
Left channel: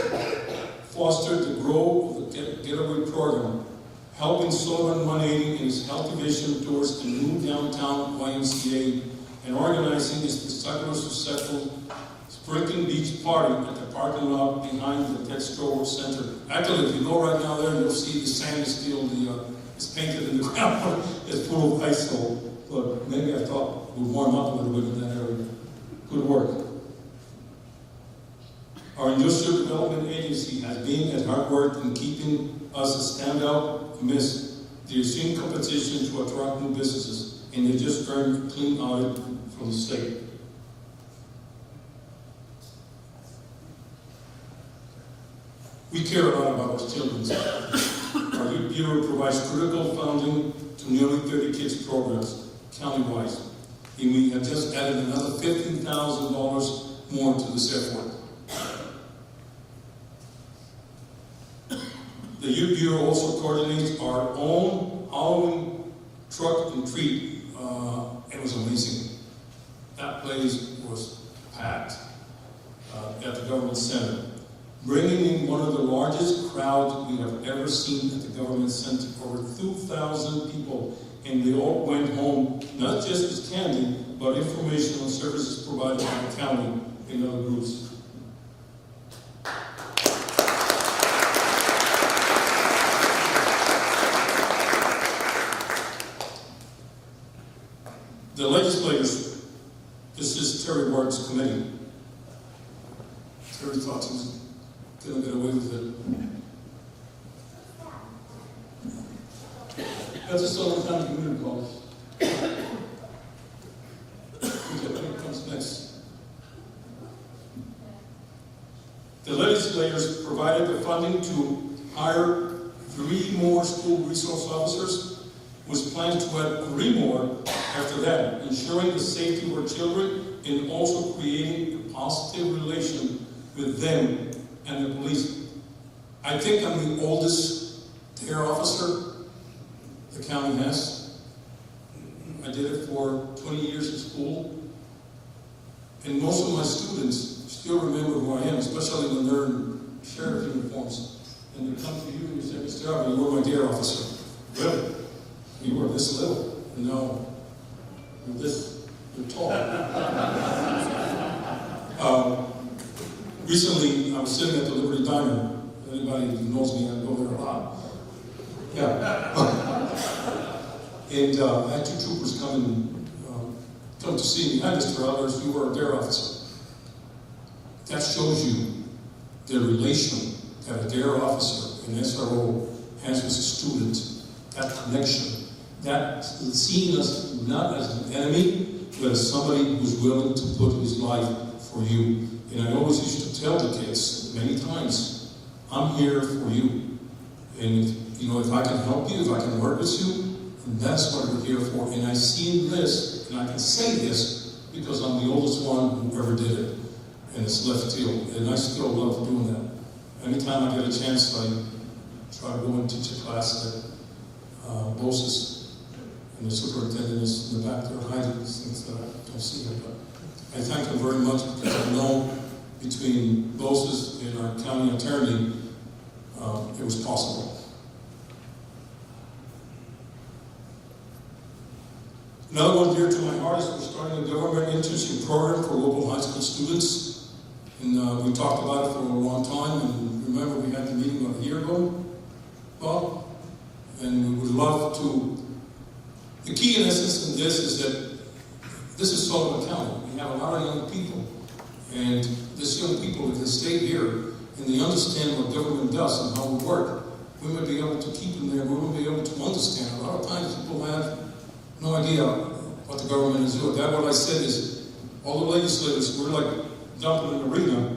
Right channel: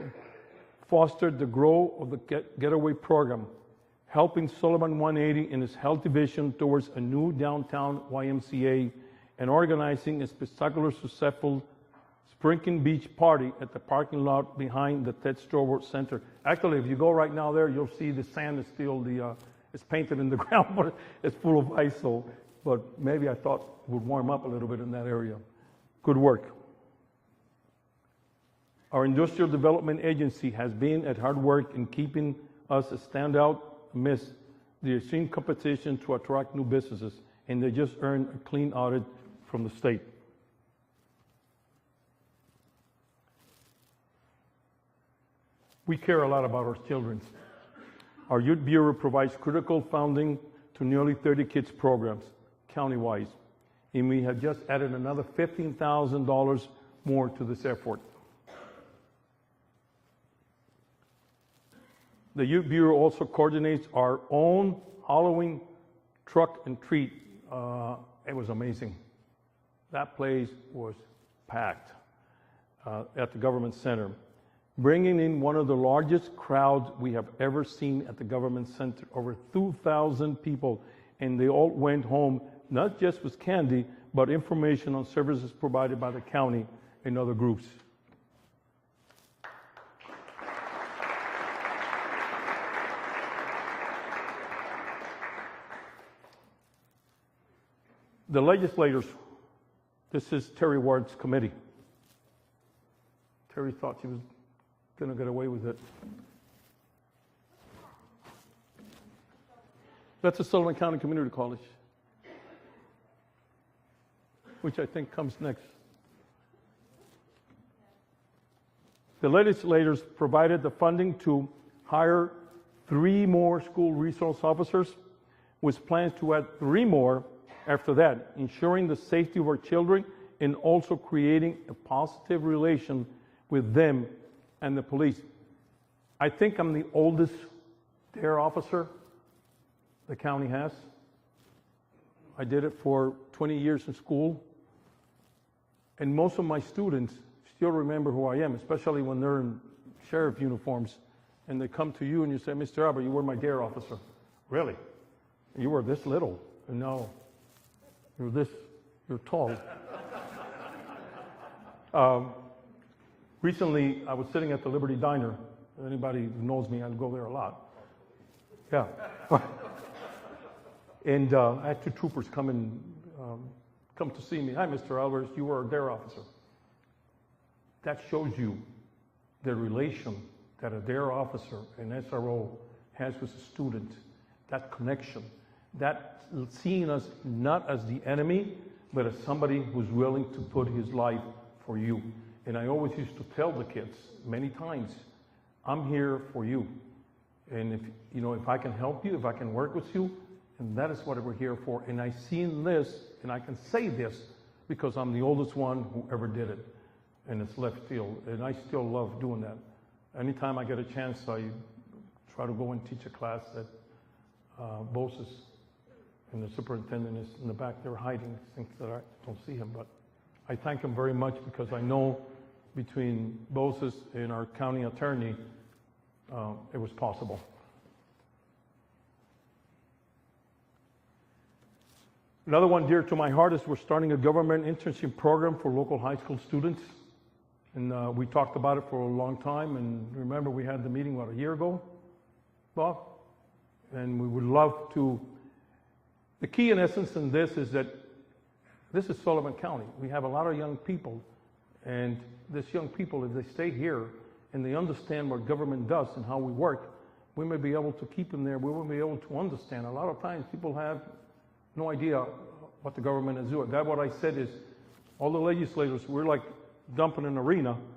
fostered the growth of the Getaway program, helping Sullivan 180 in its health division towards a new downtown YMCA and organizing a spectacular, successful Sprinkled Beach party at the parking lot behind the Pet Store Work Center. Actually, if you go right now there, you'll see the sand is still it's painted in the town, but it's full of ice. So, but maybe I thought it would warm up a little bit in that area. Good work. Our Industrial Development Agency has been at hard work in keeping us a standout amidst the extreme competition to attract new businesses, and they just earned a clean audit from the state. We care a lot about our children. Our Youth Bureau provides critical funding to nearly 30 kids programs countywide, and we have just added another $15,000 more to this effort. The Youth Bureau also coordinates our own Halloween truck and treat. It was amazing. That place was packed at the government center, bringing in one of the largest crowds we have ever seen at the government center, over 2,000 people, and they all went home, not just with candy, but information on services provided by the county and other groups. The legislators, this is Terry Ward's committee. Terry thought he was going to get away with it. That's the Sullivan County Community College, which I think comes next. the legislators provided the funding to hire 3 more school resource officers, with plans to add 3 more after that, ensuring the safety of our children and also creating a positive relation with them and the police. I think I'm the oldest dare officer the county has. I did it for 20 years at school. And most of my students still remember who I am, especially when they're in sheriff uniforms. And they come to you and you say, Mr. Alvarez, you were my dare officer. Really? You were this little, and now you're this, you're tall. Recently, I was sitting at the Liberty Diner. Anybody who knows me, I go there a lot. Yeah. And I had 2 troopers coming to see me. Hi, Mr. Alvarez, you were a dare officer. That shows you the relation that a dare officer, an SRO, has with a student, that connection, that seeing us not as the enemy, but as somebody who's willing to put his life for you. And I always used to tell the kids many times, I'm here for you. And, you know, if I can help you, if I can work with you, and that's what I'm here for. And I've seen this, and I can say this, because I'm the oldest one who ever did it. And it's left field, and I still love doing that. Anytime I get a chance, I try to go and teach a class at BOSES, and the superintendent is in the back there hiding things that I don't see them. But I thank them very much, because I know between BOSES and our county attorney, it was possible. Another one dear to my heart is we're starting a government internship program for local high school students. And we talked about it for a long time, and remember we had the meeting a year ago, Bob? And we would love to. The key in essence in this is that this is Sullivan County. We have a lot of young people. And these young people, if they stay here and they understand what government does and how we work, we may be able to keep them there. We will be able to understand. A lot of times people have no idea what the government is doing. That's what I said is, all the legislators, we're like dumped in an arena,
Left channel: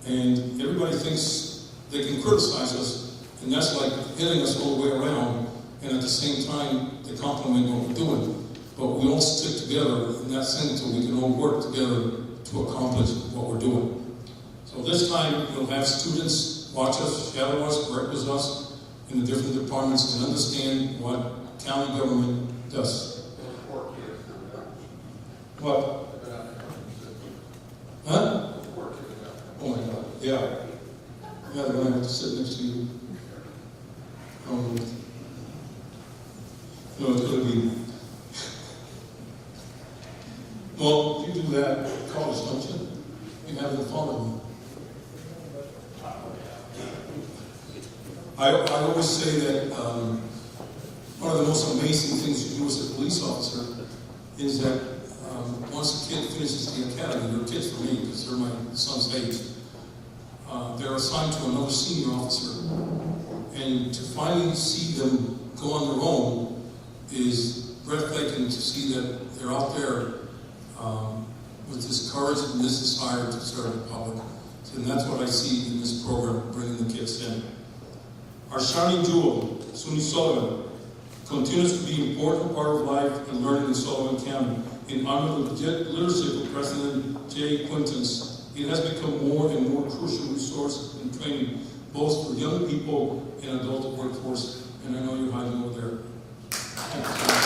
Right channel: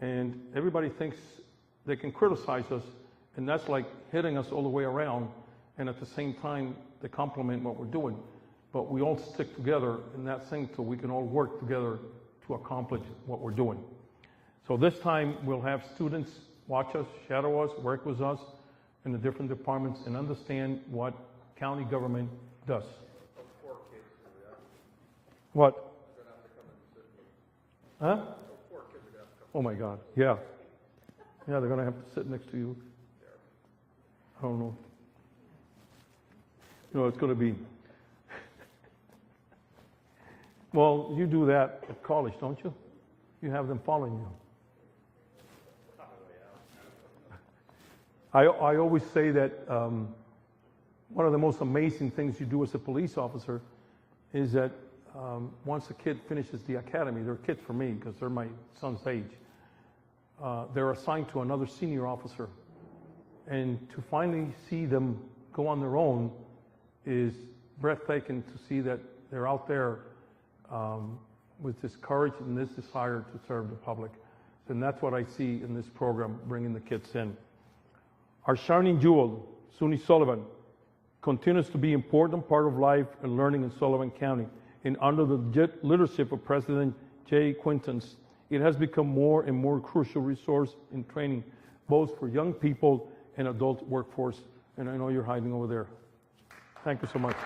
and everybody thinks they can criticize us, and that's like hitting us all the way around, and at the same time, they compliment what we're doing. But we all stick together in that sense, so we can all work together to accomplish what we're doing. So this time, we'll have students watch us, shadow us, work with us in the different departments, and understand what county government does. What? Huh? Oh my God, yeah. Yeah, they're going to have to sit next to you. No, it's going to be. Well, you do that at college, don't you? You have them follow me. I always say that one of the most amazing things you do as a police officer is that once a kid finishes the academy, they're kids for me because they're my son's age, they're assigned to another senior officer. And to finally see them go on their own is breathtaking to see that they're out there with this courage and this desire to serve the public. So that's what I see in this program, bringing the kids in. Our shining duo, SUNY Sullivan, continues to be an important part of life and learning in Sullivan County. And under the leadership of President Jay Quintans, it has become more and more crucial resource in training, both for young people and adult workforce. And I know you're hiding over there. Thank you so much.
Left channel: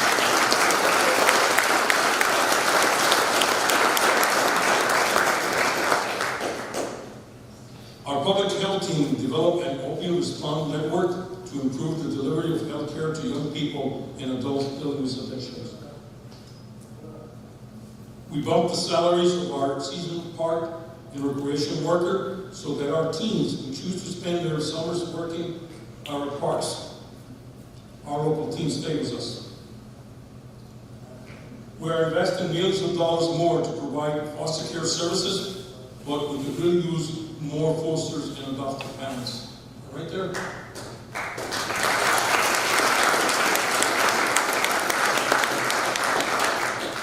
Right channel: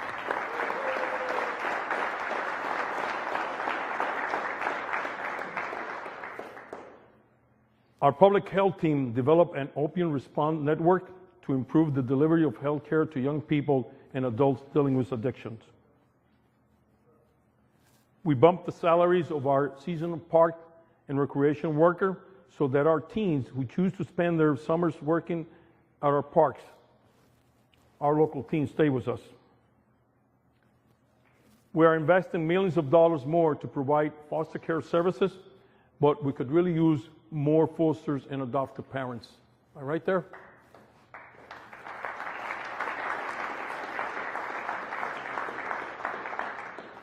Our public health team developed an opioid response network to improve the delivery of health care to young people and adults dealing with addictions. We bumped the salaries of our seasonal park and recreation worker so that our teens who choose to spend their summers working at our parks, our local teams stay with us. We are investing millions of dollars more to provide foster care services, but we could really use more fosters and adoptive parents. All right there?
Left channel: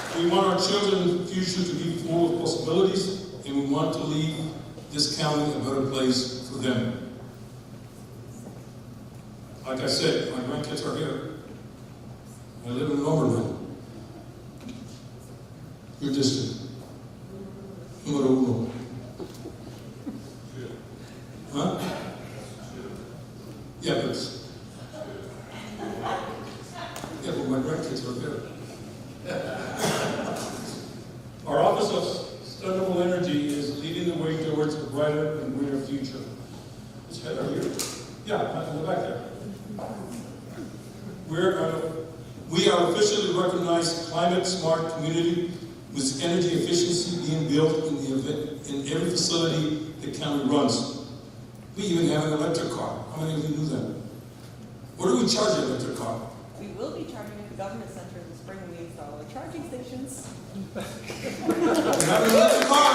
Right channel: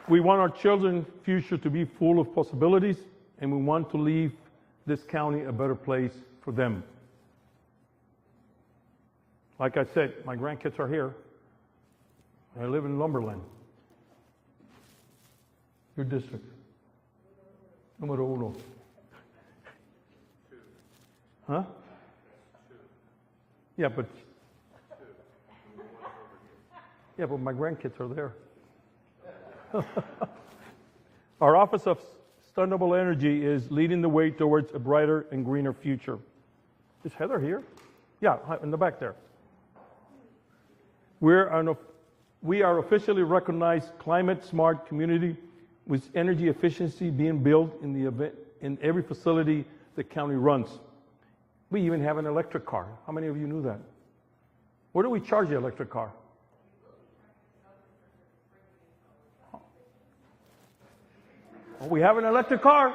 We want our children's future to be full of possibilities, and we want to leave this county a better place for them. Like I said, my grandkids are here. I live in Northern. Your district. Número uno. Huh? Yeah, but my grandkids are there. Our Office of Sustainable Energy is leading the way towards a brighter and greener future. Is Heather here? Yeah, in the back there. We are officially recognized climate smart community with energy efficiency being built in every facility the county runs. We even have an electric car. How many of you knew that? Where do we charge an electric car? We will be charging at the government center in the spring when we install the charging stations. We have an electric car.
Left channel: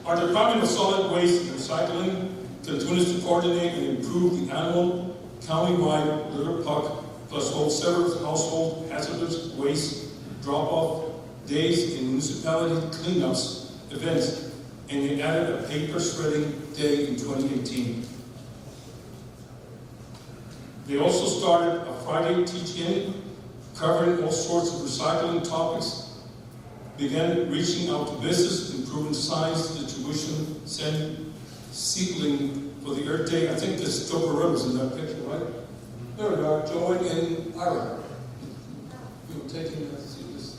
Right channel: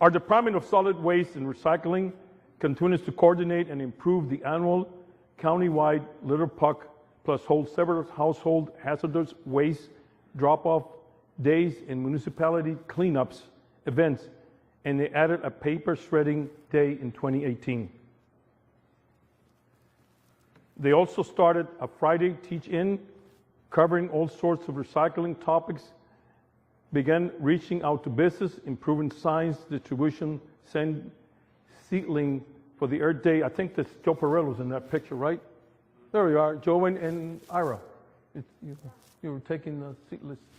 Our Department of Solid Waste and Recycling continues to coordinate and improve the annual countywide litter puck plus hold several household hazardous waste drop-off days and municipality cleanups events, and they added a paper shredding day in 2018. They also started a Friday teach-in covering all sorts of recycling topics, began reaching out to business, improving science distribution, seedling for the Earth Day. I think that's Joe Barretta's in that picture, right? There we are, Joe and Ira. You were taking the seedlings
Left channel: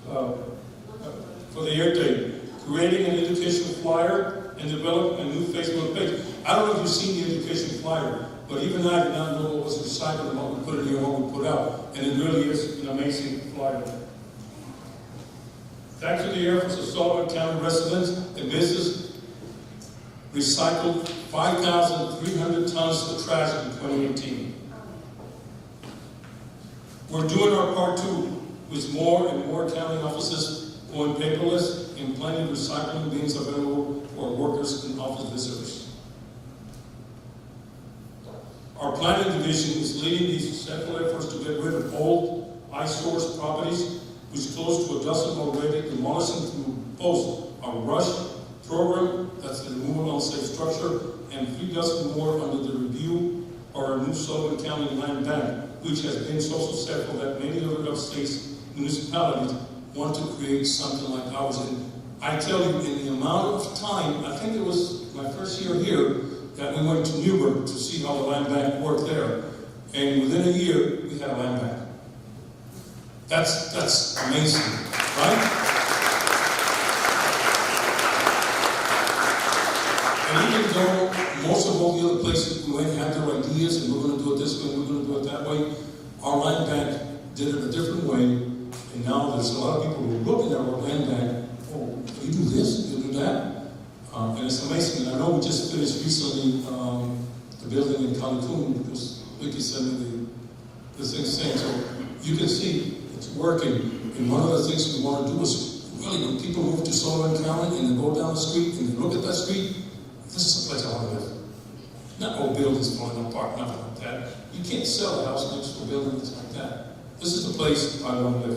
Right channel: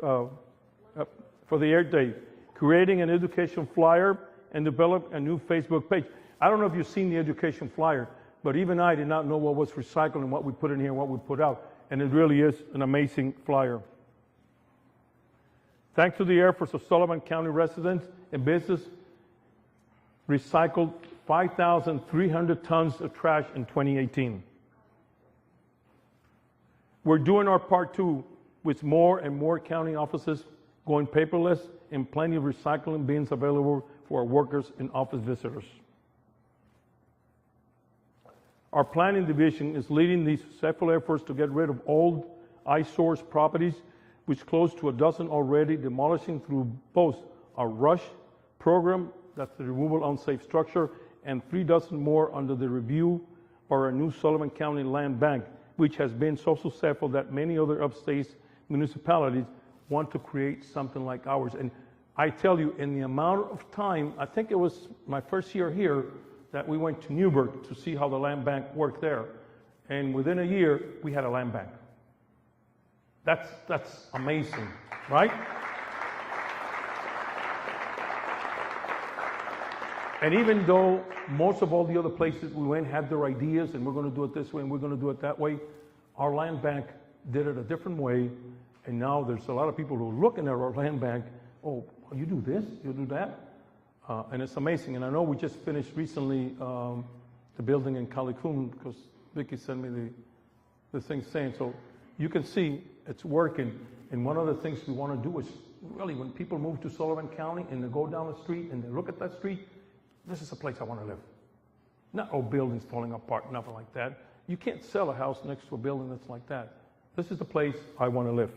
for the Earth Day, creating an education flyer and develop a new Facebook page. I don't know if you've seen the education flyer, but even I did not know what was recycled, what we put in here, what we put out, and it really is an amazing flyer. Thanks to the efforts of Sullivan County residents and businesses, recycled 5,300 tons of trash in 2018. We're doing our part too, with more and more county offices going paperless and plenty of recycling bins available for our workers and office visitors. Our planning division is leading these successful efforts to get rid of old eyesore properties, which close to a dozen already, demolishing through both our RUSH program, that's the removal of unsafe structure, and 3 dozen more under the review for our new Sullivan County Land Bank, which has been so successful that many other upstate municipalities want to create something like ours. And I tell you, in the amount of time, I think it was my first year here, that we went to Newburgh to see how the land bank worked there. And within a year, we had a land bank. That's amazing, right? And even though most of all the other places we went had their ideas, and we're going to do it this way, we're going to do it that way, our land bank did it a different way. And now there's a lot of people who are looking at our land bank, oh, you do this, you do that. And it's amazing. And I know we just finished recently the building in Cancun, because Vicky sent me the thing saying, so you can see it's working. And one of the things we want to do is, really, when people move to Sullivan County and they go down the street and they look at that street, this is a place I want to live. Not old buildings, one park, nothing like that. You can't sell a house next to a building, things like that. This is the place I want to live.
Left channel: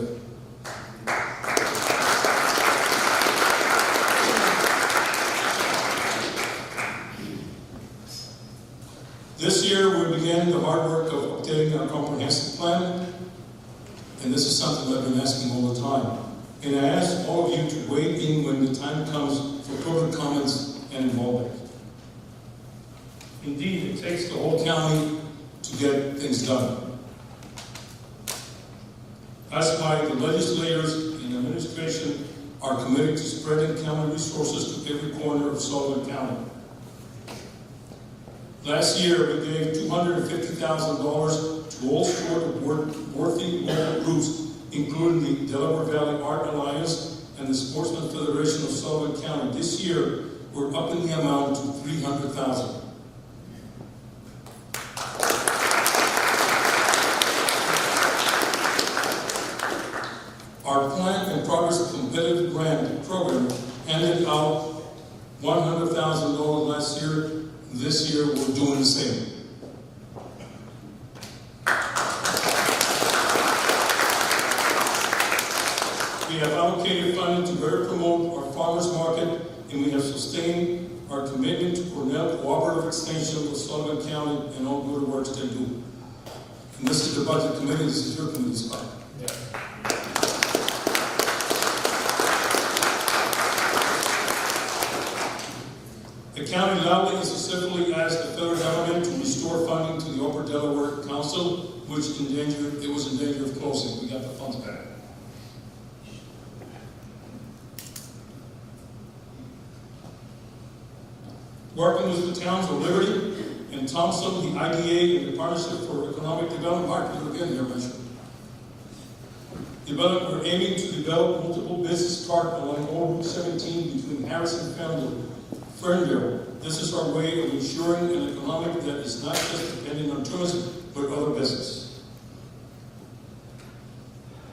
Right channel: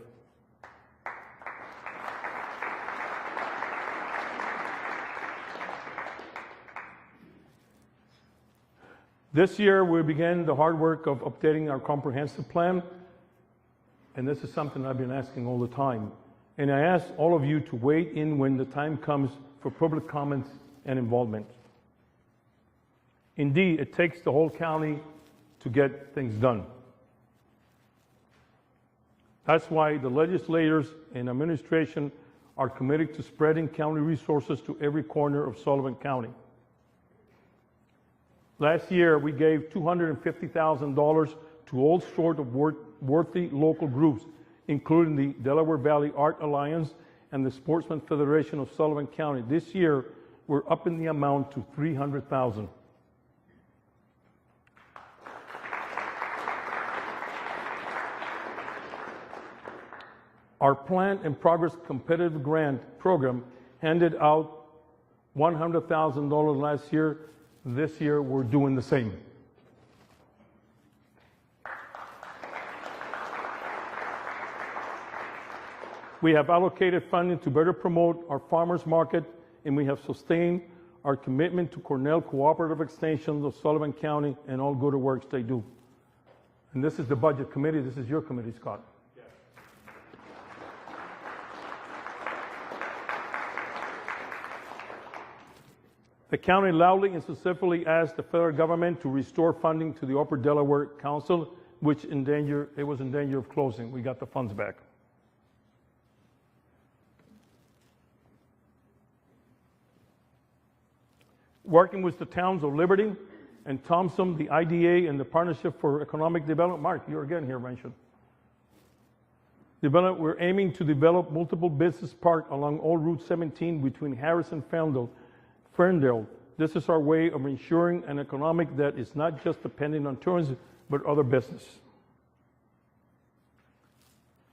This year, we began the hard work of updating our comprehensive plan, and this is something I've been asking all the time. And I ask all of you to weigh in when the time comes for public comments and involvement. Indeed, it takes the whole county to get things done. That's why the legislators and administration are committed to spreading county resources to every corner of Sullivan County. Last year, we gave $250,000 to all sorts of worthy local groups, including the Delaware Valley Art Alliance and the Sportsman Federation of Sullivan County. This year, we're upping the amount to $300,000. Our Plan and Progress Competitive Grant Program handed out $100,000 last year. This year, we're doing the same. We have allocated funding to better promote our farmers market, and we have sustained our commitment to Cornell Cooperative Extension of Sullivan County and all good works they do. And this is the budget committee, this is your committee, Scott. The county loudly and successfully asked the federal government to restore funding to the Upper Delaware Council, which was in danger of closing. We got the funds back. Working with the towns of Liberty and Thompson, the IDA, and the Partnership for Economic Development, Mark, you're again here mentioned. We're aiming to develop multiple business parks along all Route 17 between Harris and Fernville. This is our way of ensuring an economic that is not just dependent on tourism, but other business.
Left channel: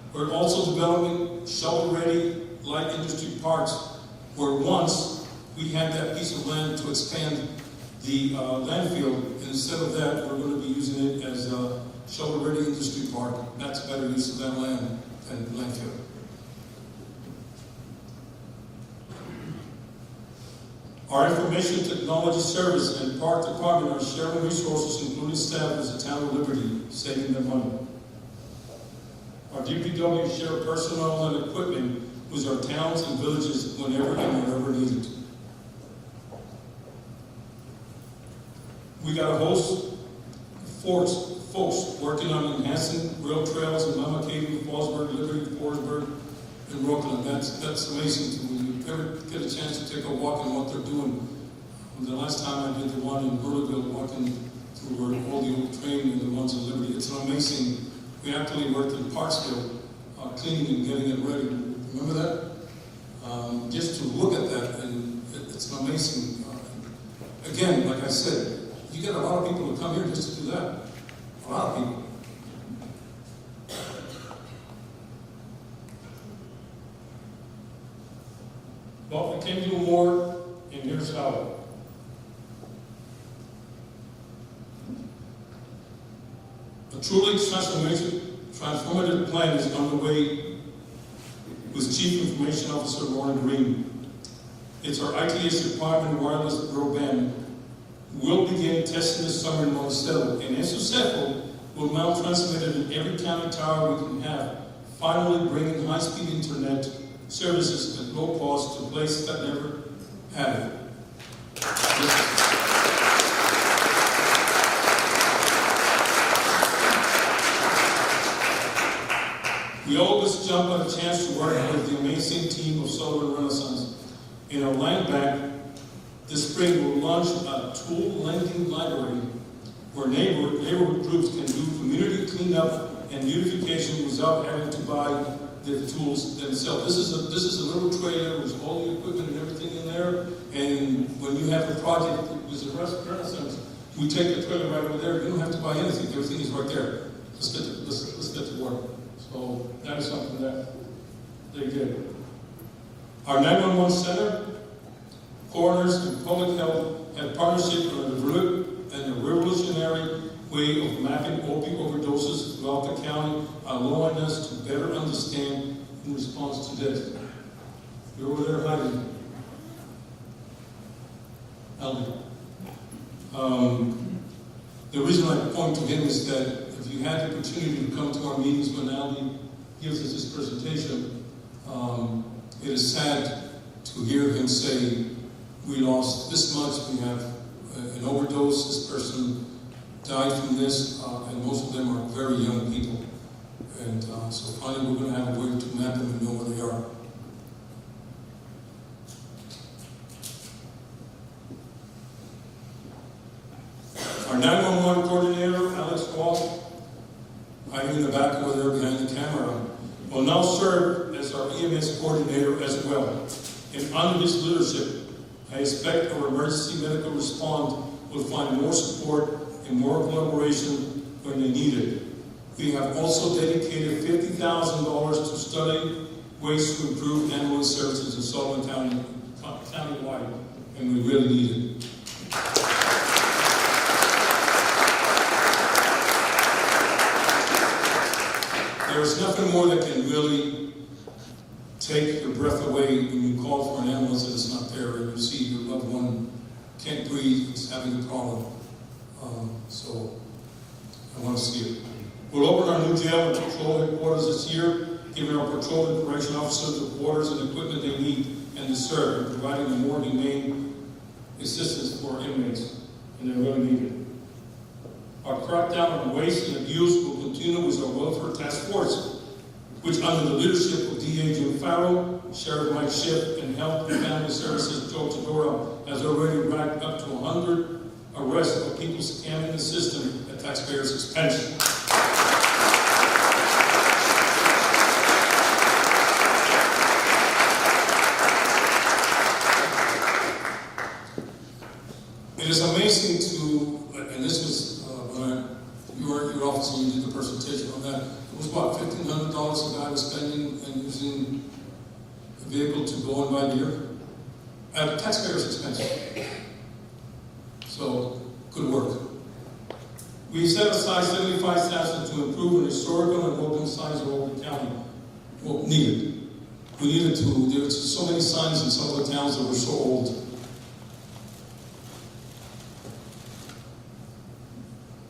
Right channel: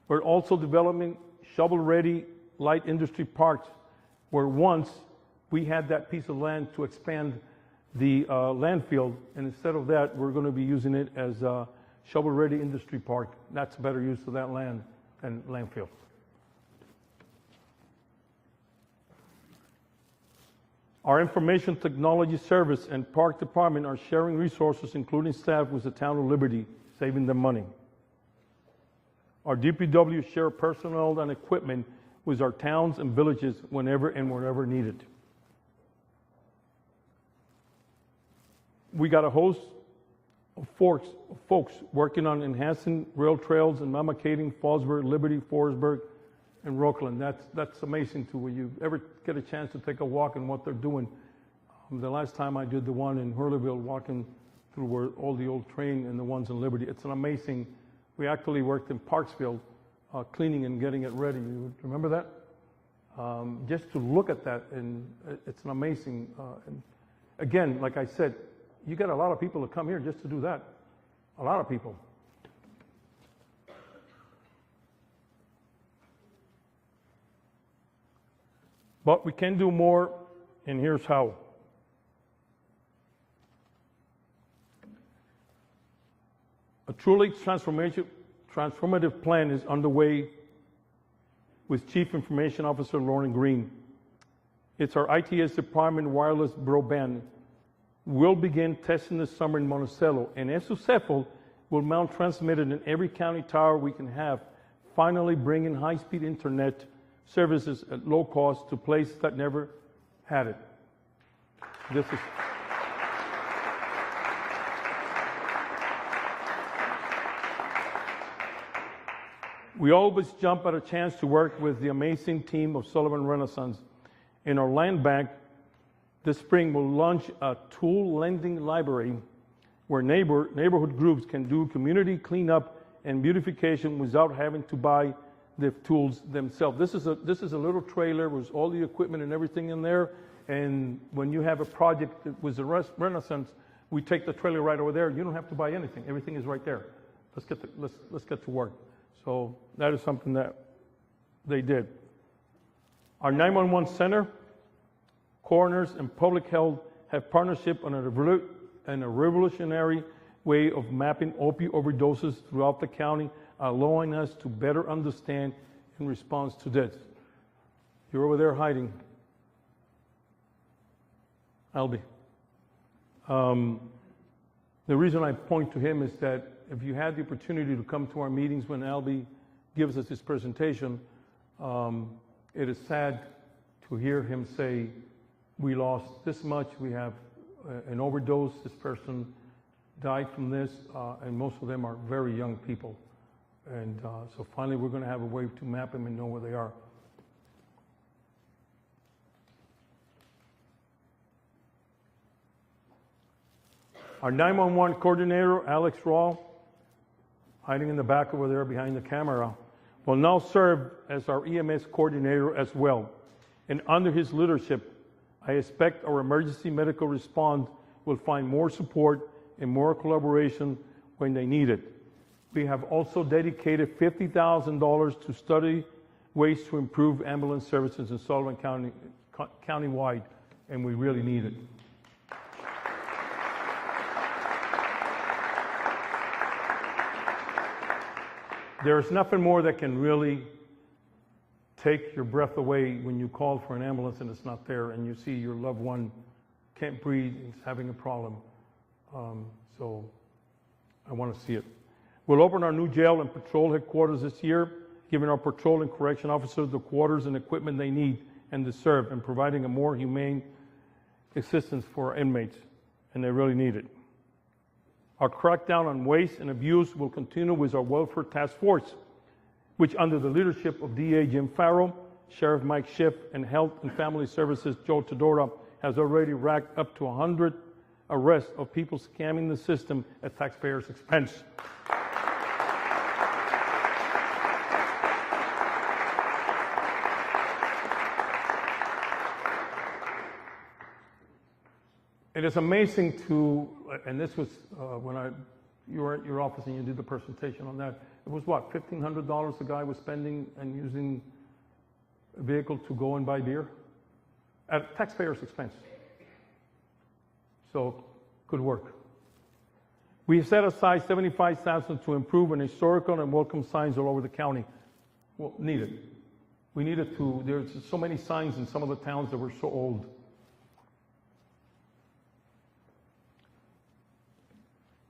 We're also developing shovel-ready light industry parks, where once we had that piece of land to expand the landfill, and instead of that, we're going to be using it as a shovel-ready industry park. That's better use of that land than landfill. Our Information Technology Service and Park Department are sharing resources, including staff with the town of Liberty, saving them money. Our DPW share personnel and equipment with our towns and villages whenever needed. We got a host of folks working on enhancing rail trails in Lamacaden, Fallsburg, Liberty, Forestburg, and Rockland. That's amazing when you ever get a chance to take a walk and what they're doing. The last time I did the one in Murderville, walking through where all the old train and the ones in Liberty. It's an amazing. We actually worked in Parksville, cleaning and getting it ready. Remember that? Just to look at that, and it's an amazing. Again, like I said, you got a lot of people that come here just to do that. A lot of people. But we can do more, and here's how. A truly transformative plan is underway with Chief Information Officer Ron Green. It's our ITS Department wireless broadband. We'll begin testing this summer in Monticello, and if successful, we'll now transmit it in every county tower we can have, finally bringing high-speed internet services at low cost to places that never had it. We always jump at a chance to work with the amazing team of Sullivan Renaissance. In our land bank, this spring we'll launch a tool lending library where neighborhood groups can do community cleanup and beautification without having to buy the tools themselves. This is a little trailer with all the equipment and everything in there. And when you have a project with the Renaissance, we take the trailer right over there. You don't have to buy anything. Everything is right there. Let's get to work. So that is something that they did. Our 911 center, coroners, and public health have partnership on a revolutionary way of mapping opioid overdoses throughout the county, allowing us to better understand in response to death. You're over there hiding. Albie. The reason I point to him is that if you have the opportunity to come to our meetings when Albie gives us his presentation, it is sad to hear him say, we lost this much, we have an overdose, this person died from this, and most of them are very young people. And so finally we're going to have a way to map them and know where they are. Our 911 coordinator, Alex Ross, hiding in the back over there behind the camera, will now serve as our EMS coordinator as well. And under his leadership, I expect our emergency medical response will find more support and more collaboration when they need it. We have also dedicated $50,000 to study ways to improve ambulance services in Sullivan County, countywide, and we really need it. There's nothing more that can really take your breath away when you call for an ambulance and it's not there, and you see your loved one can't breathe, is having a problem. So I want to see it. We'll open our new jail and patrol headquarters this year, giving our patrol and correction officers the quarters and equipment they need and deserve, and providing a more humane assistance for our inmates, and they really need it. Our crackdown on waste and abuse will continue with our welfare task force, which under the leadership of DA Jim Farrow, Sheriff Mike Schiff, and Health and Family Services Joe Todora has already racked up to 100 arrests of people scamming the system at taxpayers' expense. It is amazing to, and this was when you were in your office and you did the presentation on that, it was what, $1,500 a guy was spending and using a vehicle to go and buy beer? At the taxpayer's expense. So, good work. We set aside $75,000 to improve an historical and welcome signs all over the county. Well, needed. We needed to, there's so many signs in some of the towns that were so old.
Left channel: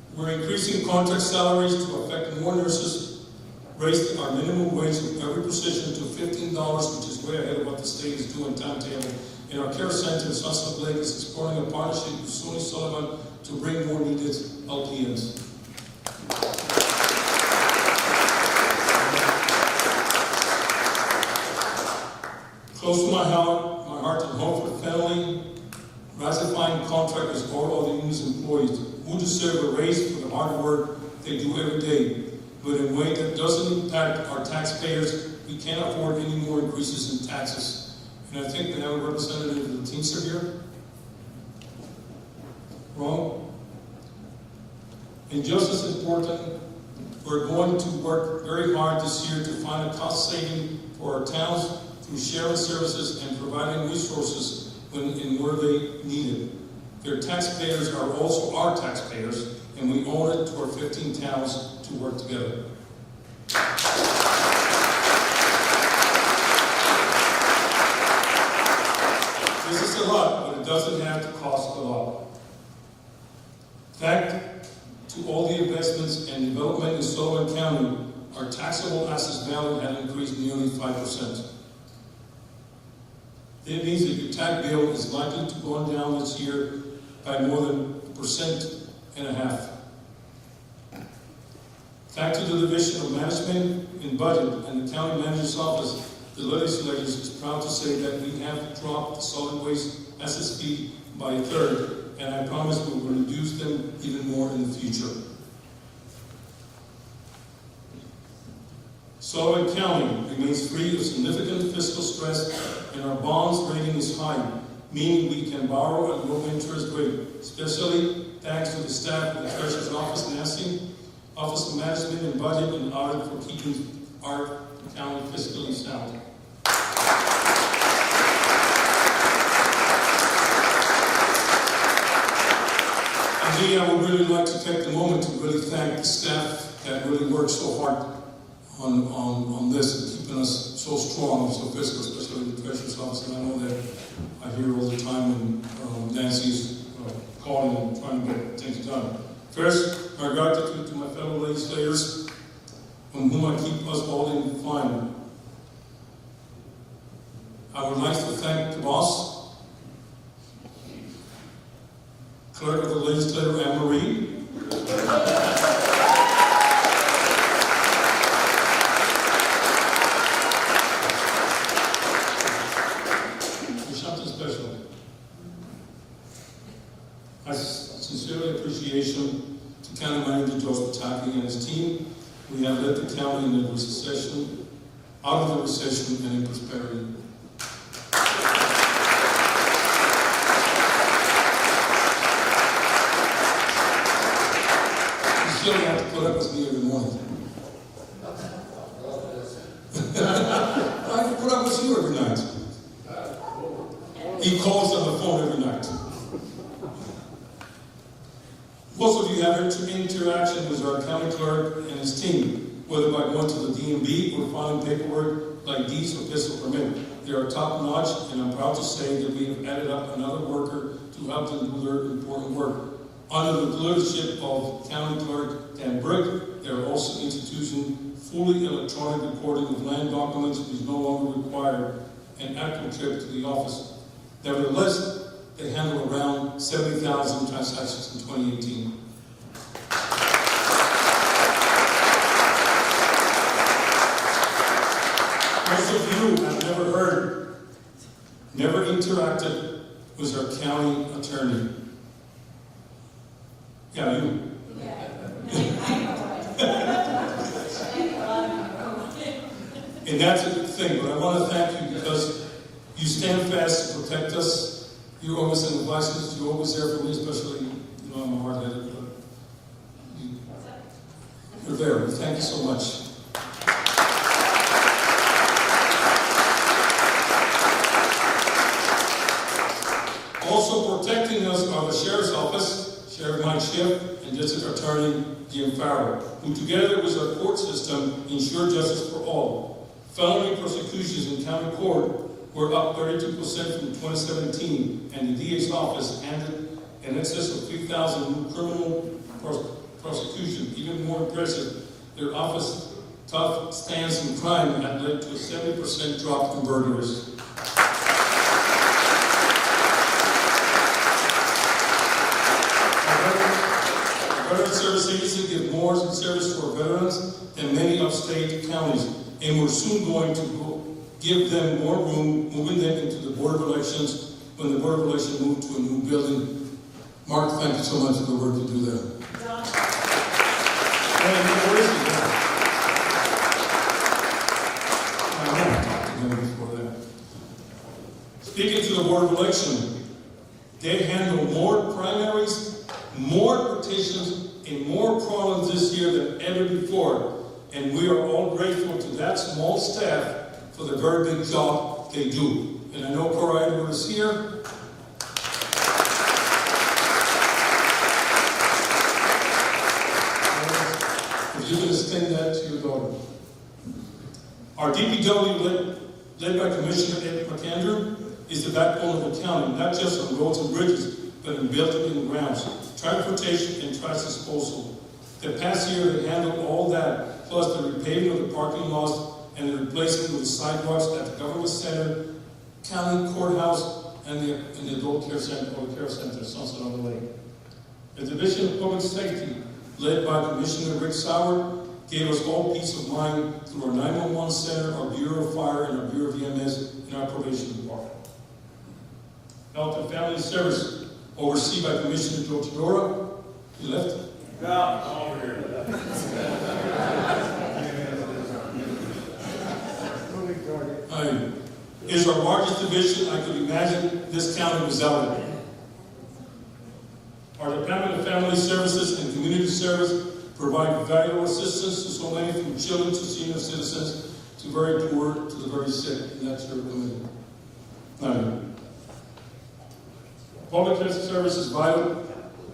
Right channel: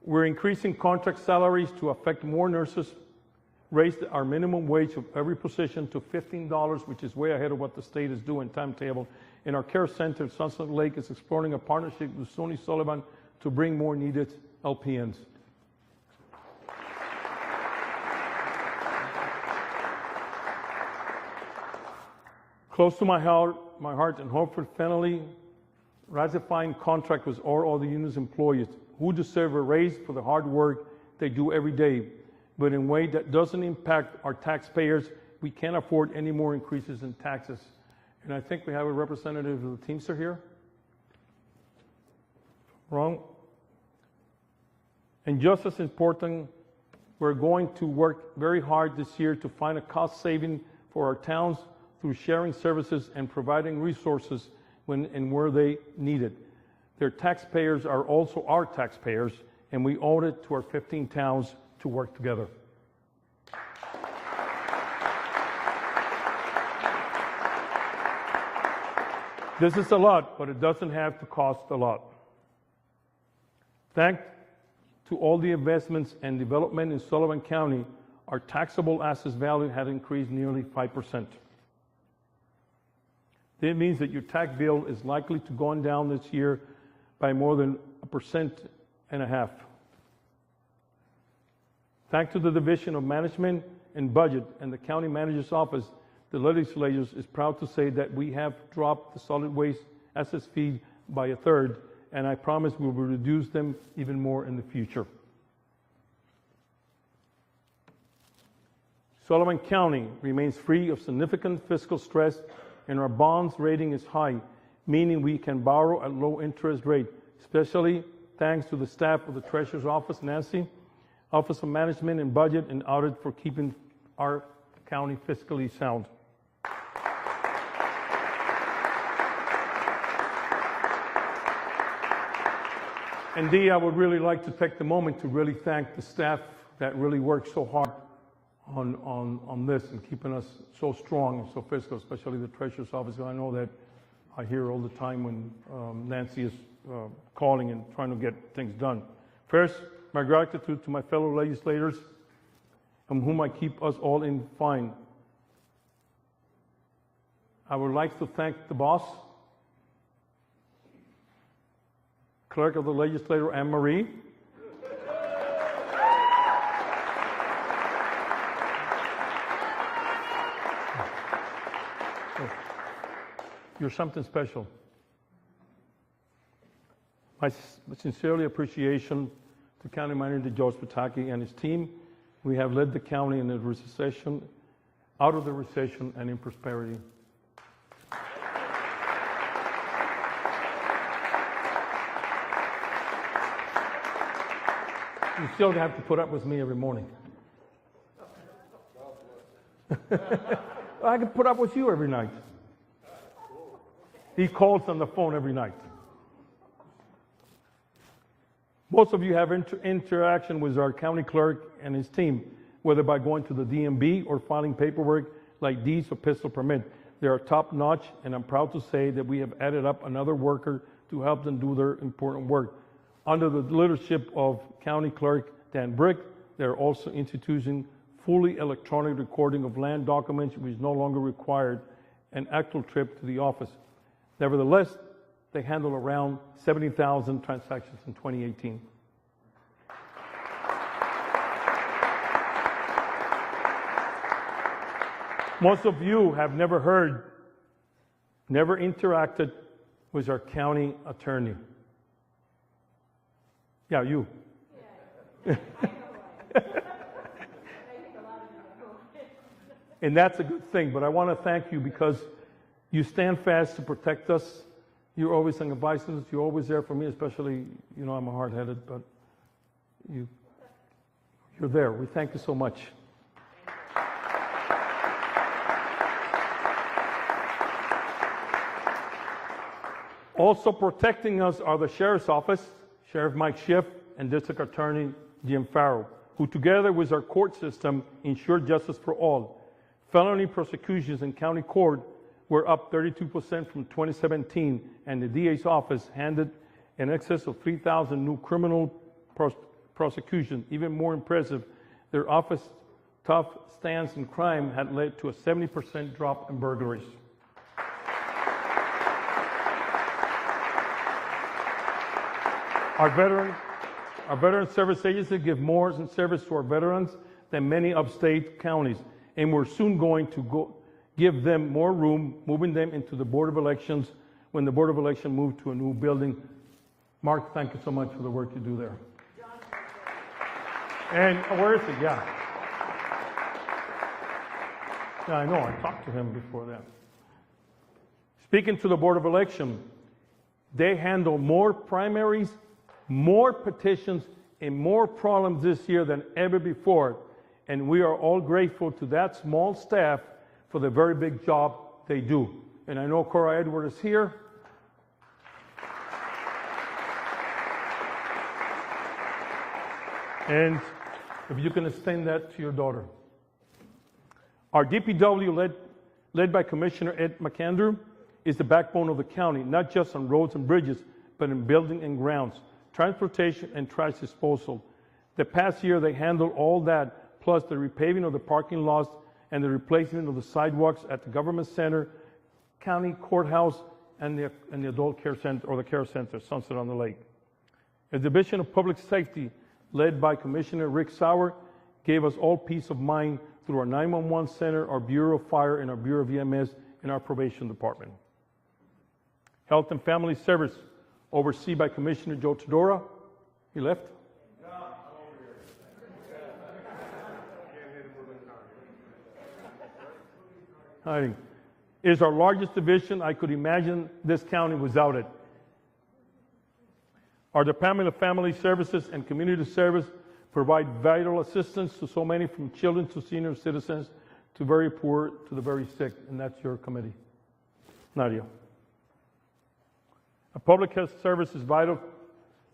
We're increasing contract salaries to affect more nurses, raised our minimum wage of every position to $15, which is way ahead of what the state is doing timetable. In our care center, Sunset Lake is exploring a partnership with Sullivan to bring more needed LPNs. Close to my heart to Homeford family, ratifying contract with all the union's employees who deserve a raise for the hard work they do every day, but in a way that doesn't impact our taxpayers. We can't afford any more increases in taxes. And I think we have a representative of the Teamster here. Wrong? And just as important, we're going to work very hard this year to find a cost saving for our towns through sharing services and providing resources when and where they need it. Their taxpayers are also our taxpayers, and we owe it to our 15 towns to work together. This is a lot, but it doesn't have to cost a lot. Thanks to all the investments and development in Sullivan County, our taxable assets value has increased nearly 5%. It means that your tax bill is likely to go down this year by more than 1.5%. Thanks to the Division of Management and Budget and the County Manager's Office, the Legislature is proud to say that we have dropped the solid waste assets fee by 1/3, and I promise we will reduce them even more in the future. Sullivan County remains free of significant fiscal stress, and our bonds rating is high, meaning we can borrow at low interest rate, especially thanks to the staff of the Treasurer's Office, Nancy, Office of Management and Budget, and Audit for keeping our county fiscally sound. Indeed, I would really like to take the moment to really thank the staff that really worked so hard on this and keeping us so strong, so fiscal, especially the Treasurer's Office. And I know that I hear all the time when Nancy is calling and trying to get things done. First, my gratitude to my fellow legislators, from whom I keep us all in fine. I would like to thank the boss, Clerk of the Legislature, Anne Marie. You're something special. I sincerely appreciation to County Manager George Pataki and his team. We have led the county in the recession, out of the recession, and in prosperity. You still don't have to put up with me every morning. I can put up with you every night. He calls on the phone every night. Most of you have interaction with our county clerk and his team. whether by going to the DMV or filing paperwork like deeds or pistol permit. They are top notch, and I'm proud to say that we have added up another worker to help them do their important work. Under the leadership of County Clerk Dan Brick, they are also instituting fully electronic recording of land documents, which is no longer required an actual trip to the office. Nevertheless, they handle around 70,000 transactions in 2018. Most of you have never heard, never interacted with our county attorney. Yeah, you. And that's a good thing, but I want to thank you because you stand fast to protect us. You're always in advices. You're always there for me, especially, I'm a hard-headed, but you're there. Thank you so much. Also protecting us are the Sheriff's Office, Sheriff Mike Schiff, and District Attorney Jim Farrow, who together with our court system ensure justice for all. Felony prosecutions in county court were up 32% from 2017, and the DA's office handled in excess of 3,000 new criminal prosecutions. Even more impressive, their office tough stance in crime had led to a 70% drop in burglaries. Our Veteran Service Agency gives more service to our veterans than many upstate counties, and we're soon going to give them more room, moving them into the Board of Elections when the Board of Elections move to a new building. Mark, thank you so much for the work you do there. And where is he now? I know I talked to him before that. Speaking to the Board of Elections, they handle more primaries, more petitions, and more problems this year than ever before. And we are all grateful to that small staff for the very big job they do. And I know Cora Edwards is here. And if you can extend that to your daughter. Our DPW, led by Commissioner Ed McAnder, is the backbone of the county, not just on roads and bridges, but in buildings and grounds, transportation and trash disposal. The past year, they handled all that, plus the repaving of the parking lots and the replacing of the sidewalks at the government center, county courthouse, and the adult care center, or the care center, Sunset on the Lake. The Division of Public Safety, led by Commissioner Rick Sauer, gave us all peace of mind through our 911 center, our Bureau of Fire, and our Bureau of EMS, and our probation department. Health and Family Service, overseen by Commissioner George Dora. He left? No, over here. Is our largest division. I could imagine this county without it. Our Department of Family Services and Community Service provide valuable assistance to so many, from children to senior citizens to very poor to the very sick, and that's your committee. Not you. Public health service is vital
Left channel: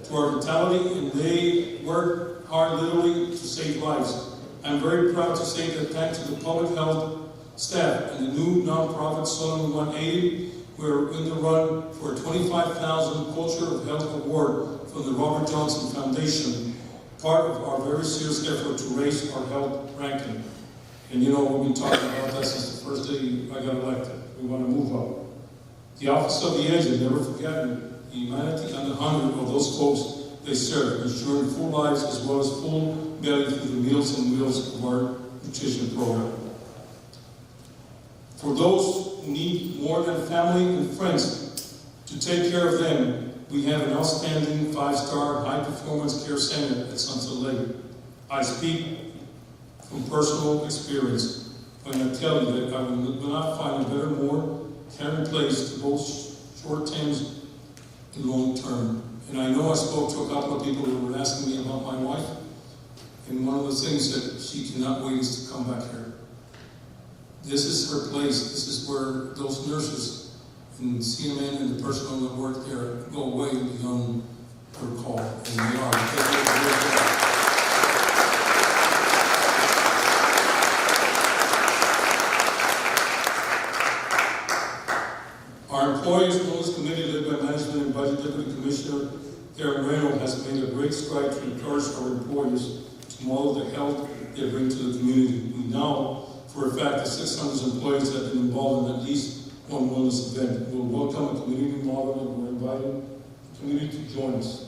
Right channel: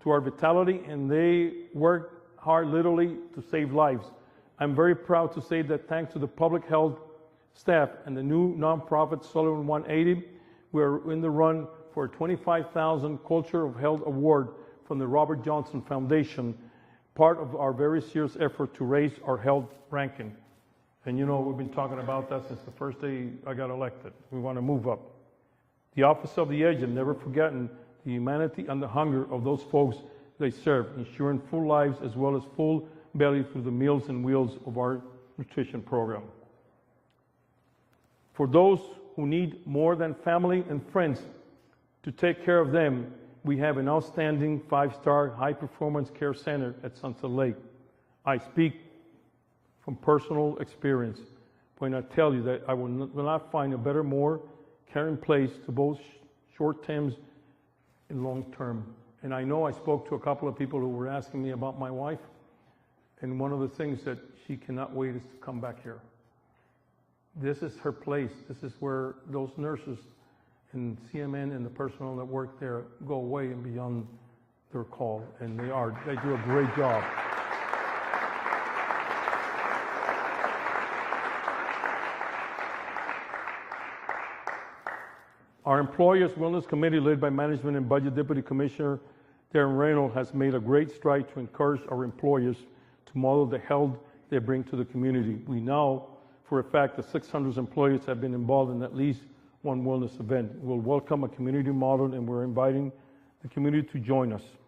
to our vitality, and they work hard literally to save lives. I'm very proud to say that thanks to the public health staff and the new nonprofit Sullivan 180, we're in the run for a $25,000 Culture of Health Award from the Robert Johnson Foundation, part of our very serious effort to raise our health ranking. And we've been talking about that since the first day I got elected. We want to move up. The Office of the Aged, never forgotten the humanity and the hunger of those folks they serve, ensuring full lives as well as full belly through the Meals and Wheels of our nutrition program. For those who need more than family and friends to take care of them, we have an outstanding 5-star high-performance care center at Sunset Lake. I speak from personal experience when I tell you that I will not find a better, more caring place to both short-term and long-term. And I know I spoke to a couple of people who were asking me about my wife, and one of the things that she cannot wait is to come back here. This is her place. This is where those nurses and CMN and the personnel that work there go way beyond their call, and they are. They do a great job. by the Deputy Commissioner Darren Reno, has made a great stride to encourage our employees to model the health they bring to the community. We know for a fact that 600 employees have been involved in at least one wellness event. We'll welcome a community model, and we're inviting the community to join us.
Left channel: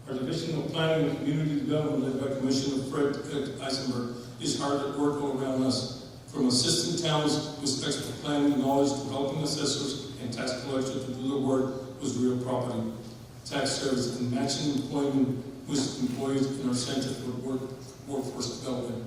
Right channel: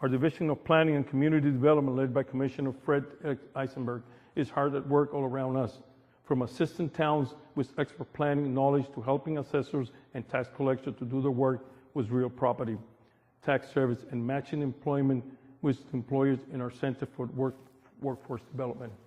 Our Division of Planning and Community Development, led by Commissioner Fred Eisenberg, is hard at work all around us, from assisting towns with expert planning knowledge to helping assessors and tax collectors to do the work with real property tax service and matching employment with employees in our Center for Workforce Development.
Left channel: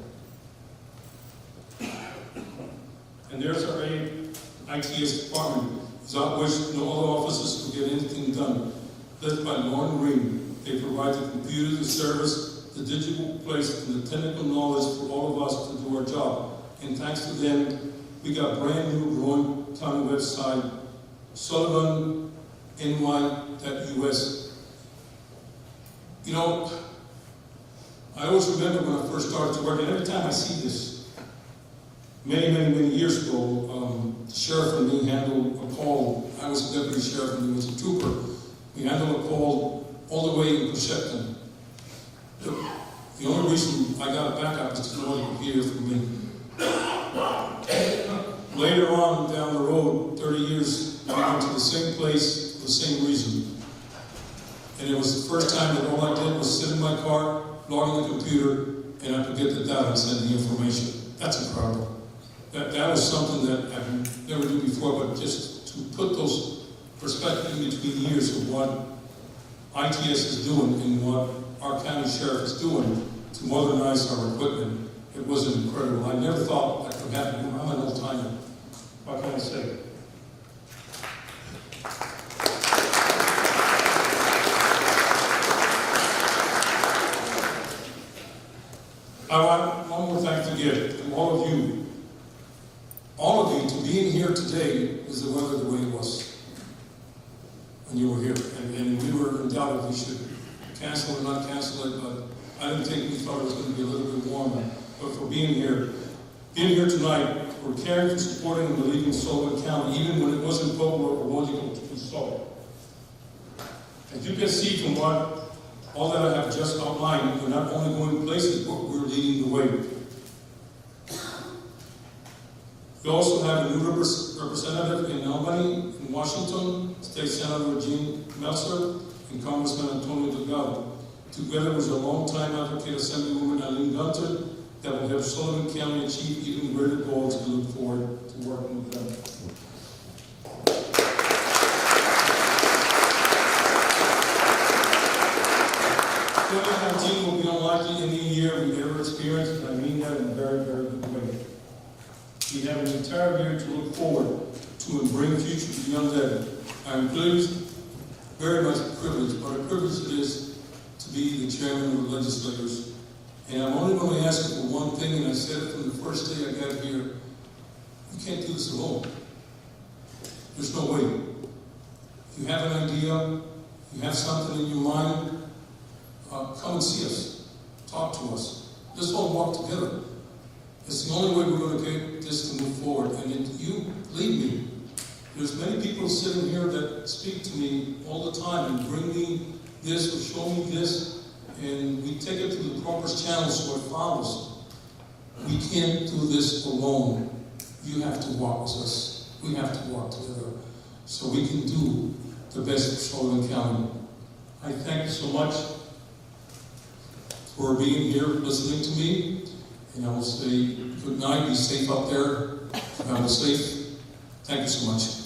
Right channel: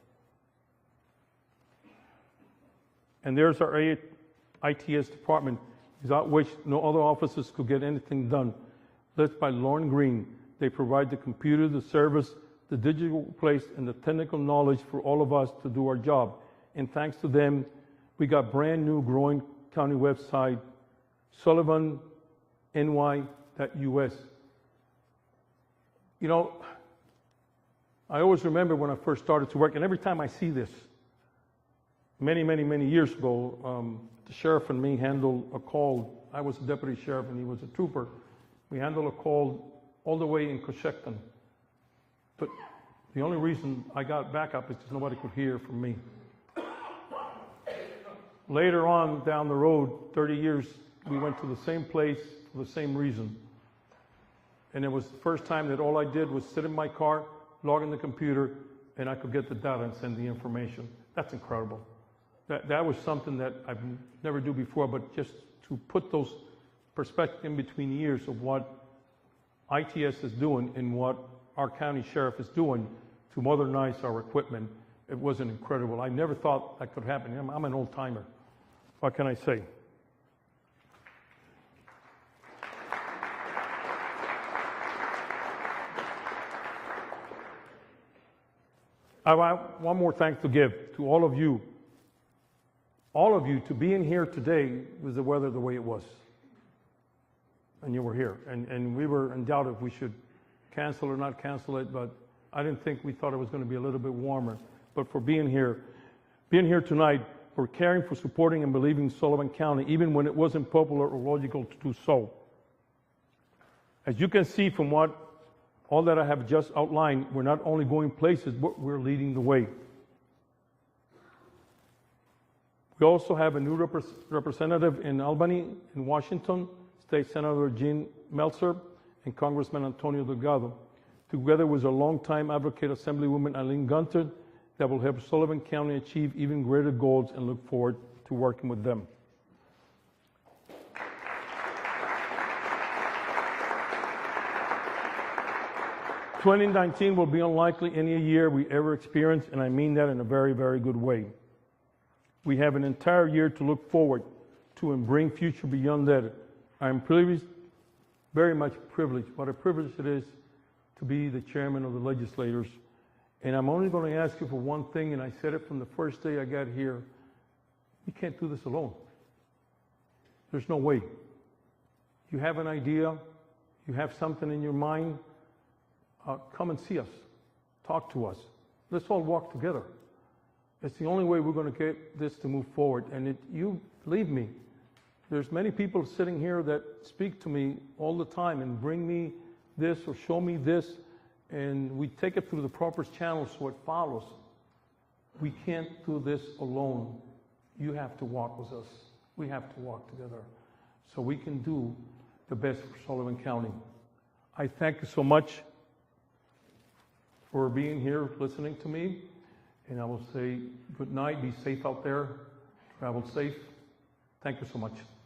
And there's our ITS department, without which no other offices could get anything done. Led by Lauren Green, they provide the computers, the service, the digital place, and the technical knowledge for all of us to do our job. And thanks to them, we got brand new growing county website, Sullivan, NY.US. You know, I always remember when I first started to work, and every time I see this, many years ago, the sheriff and me handled a call. I was deputy sheriff and he was a trooper. We handled a call all the way to Shepton. But the only reason I got back up is because nobody could hear from me. Later on down the road, 30 years, I went to the same place for the same reason. And it was the first time that all I did was sit in my car, log in the computer, and I could get the data and send the information. That's incredible. That was something that I never did before, but just to put those perspectives in between years of what ITS is doing and what our county sheriff is doing to modernize our equipment, it was incredible. I never thought I could happen. I'm an old timer. What can I say? I have one more thanks to give to all of you. All of you, to being here today with the weather the way it was. And you were here. And we were in doubt if we should cancel or not cancel it, but I didn't think we thought it was going to be a little bit warmer. But for being here tonight, for caring, for supporting and believing in Sullivan County, even when it wasn't popular or logical to do so. As you can see from all that I have just outlined, we're not only going places, but we're leading the way. We also have a new representative in Albany, in Washington, State Senator Gene Meltzer, and Congressman Antonio Delgado, together with a longtime advocate, Assemblywoman Eileen Gunter, that will help Sullivan County achieve even greater goals, and look forward to working with them. '19 will be unlikely any year we ever experienced, and I mean that in a very good way. We have an entire year to look forward to and bring future beyond that. I am pleased, very much privileged, what a privilege it is to be the chairman of the legislators. And I'm only going to ask you for one thing, and I said it from the first day I got here. You can't do this alone. There's no way. You have an idea, you have something in your mind, come and see us, talk to us. Let's all walk together. It's the only way we're going to get this to move forward. And if you lead me, there's many people sitting here that speak to me all the time and bring me this or show me this, and we take it to the corporate channel so it follows. We can't do this alone. You have to walk with us. We have to walk together so we can do the best for Sullivan County. I thank you so much for being here, listening to me, and I will say good night, be safe out there, travel safe. Thank you so much.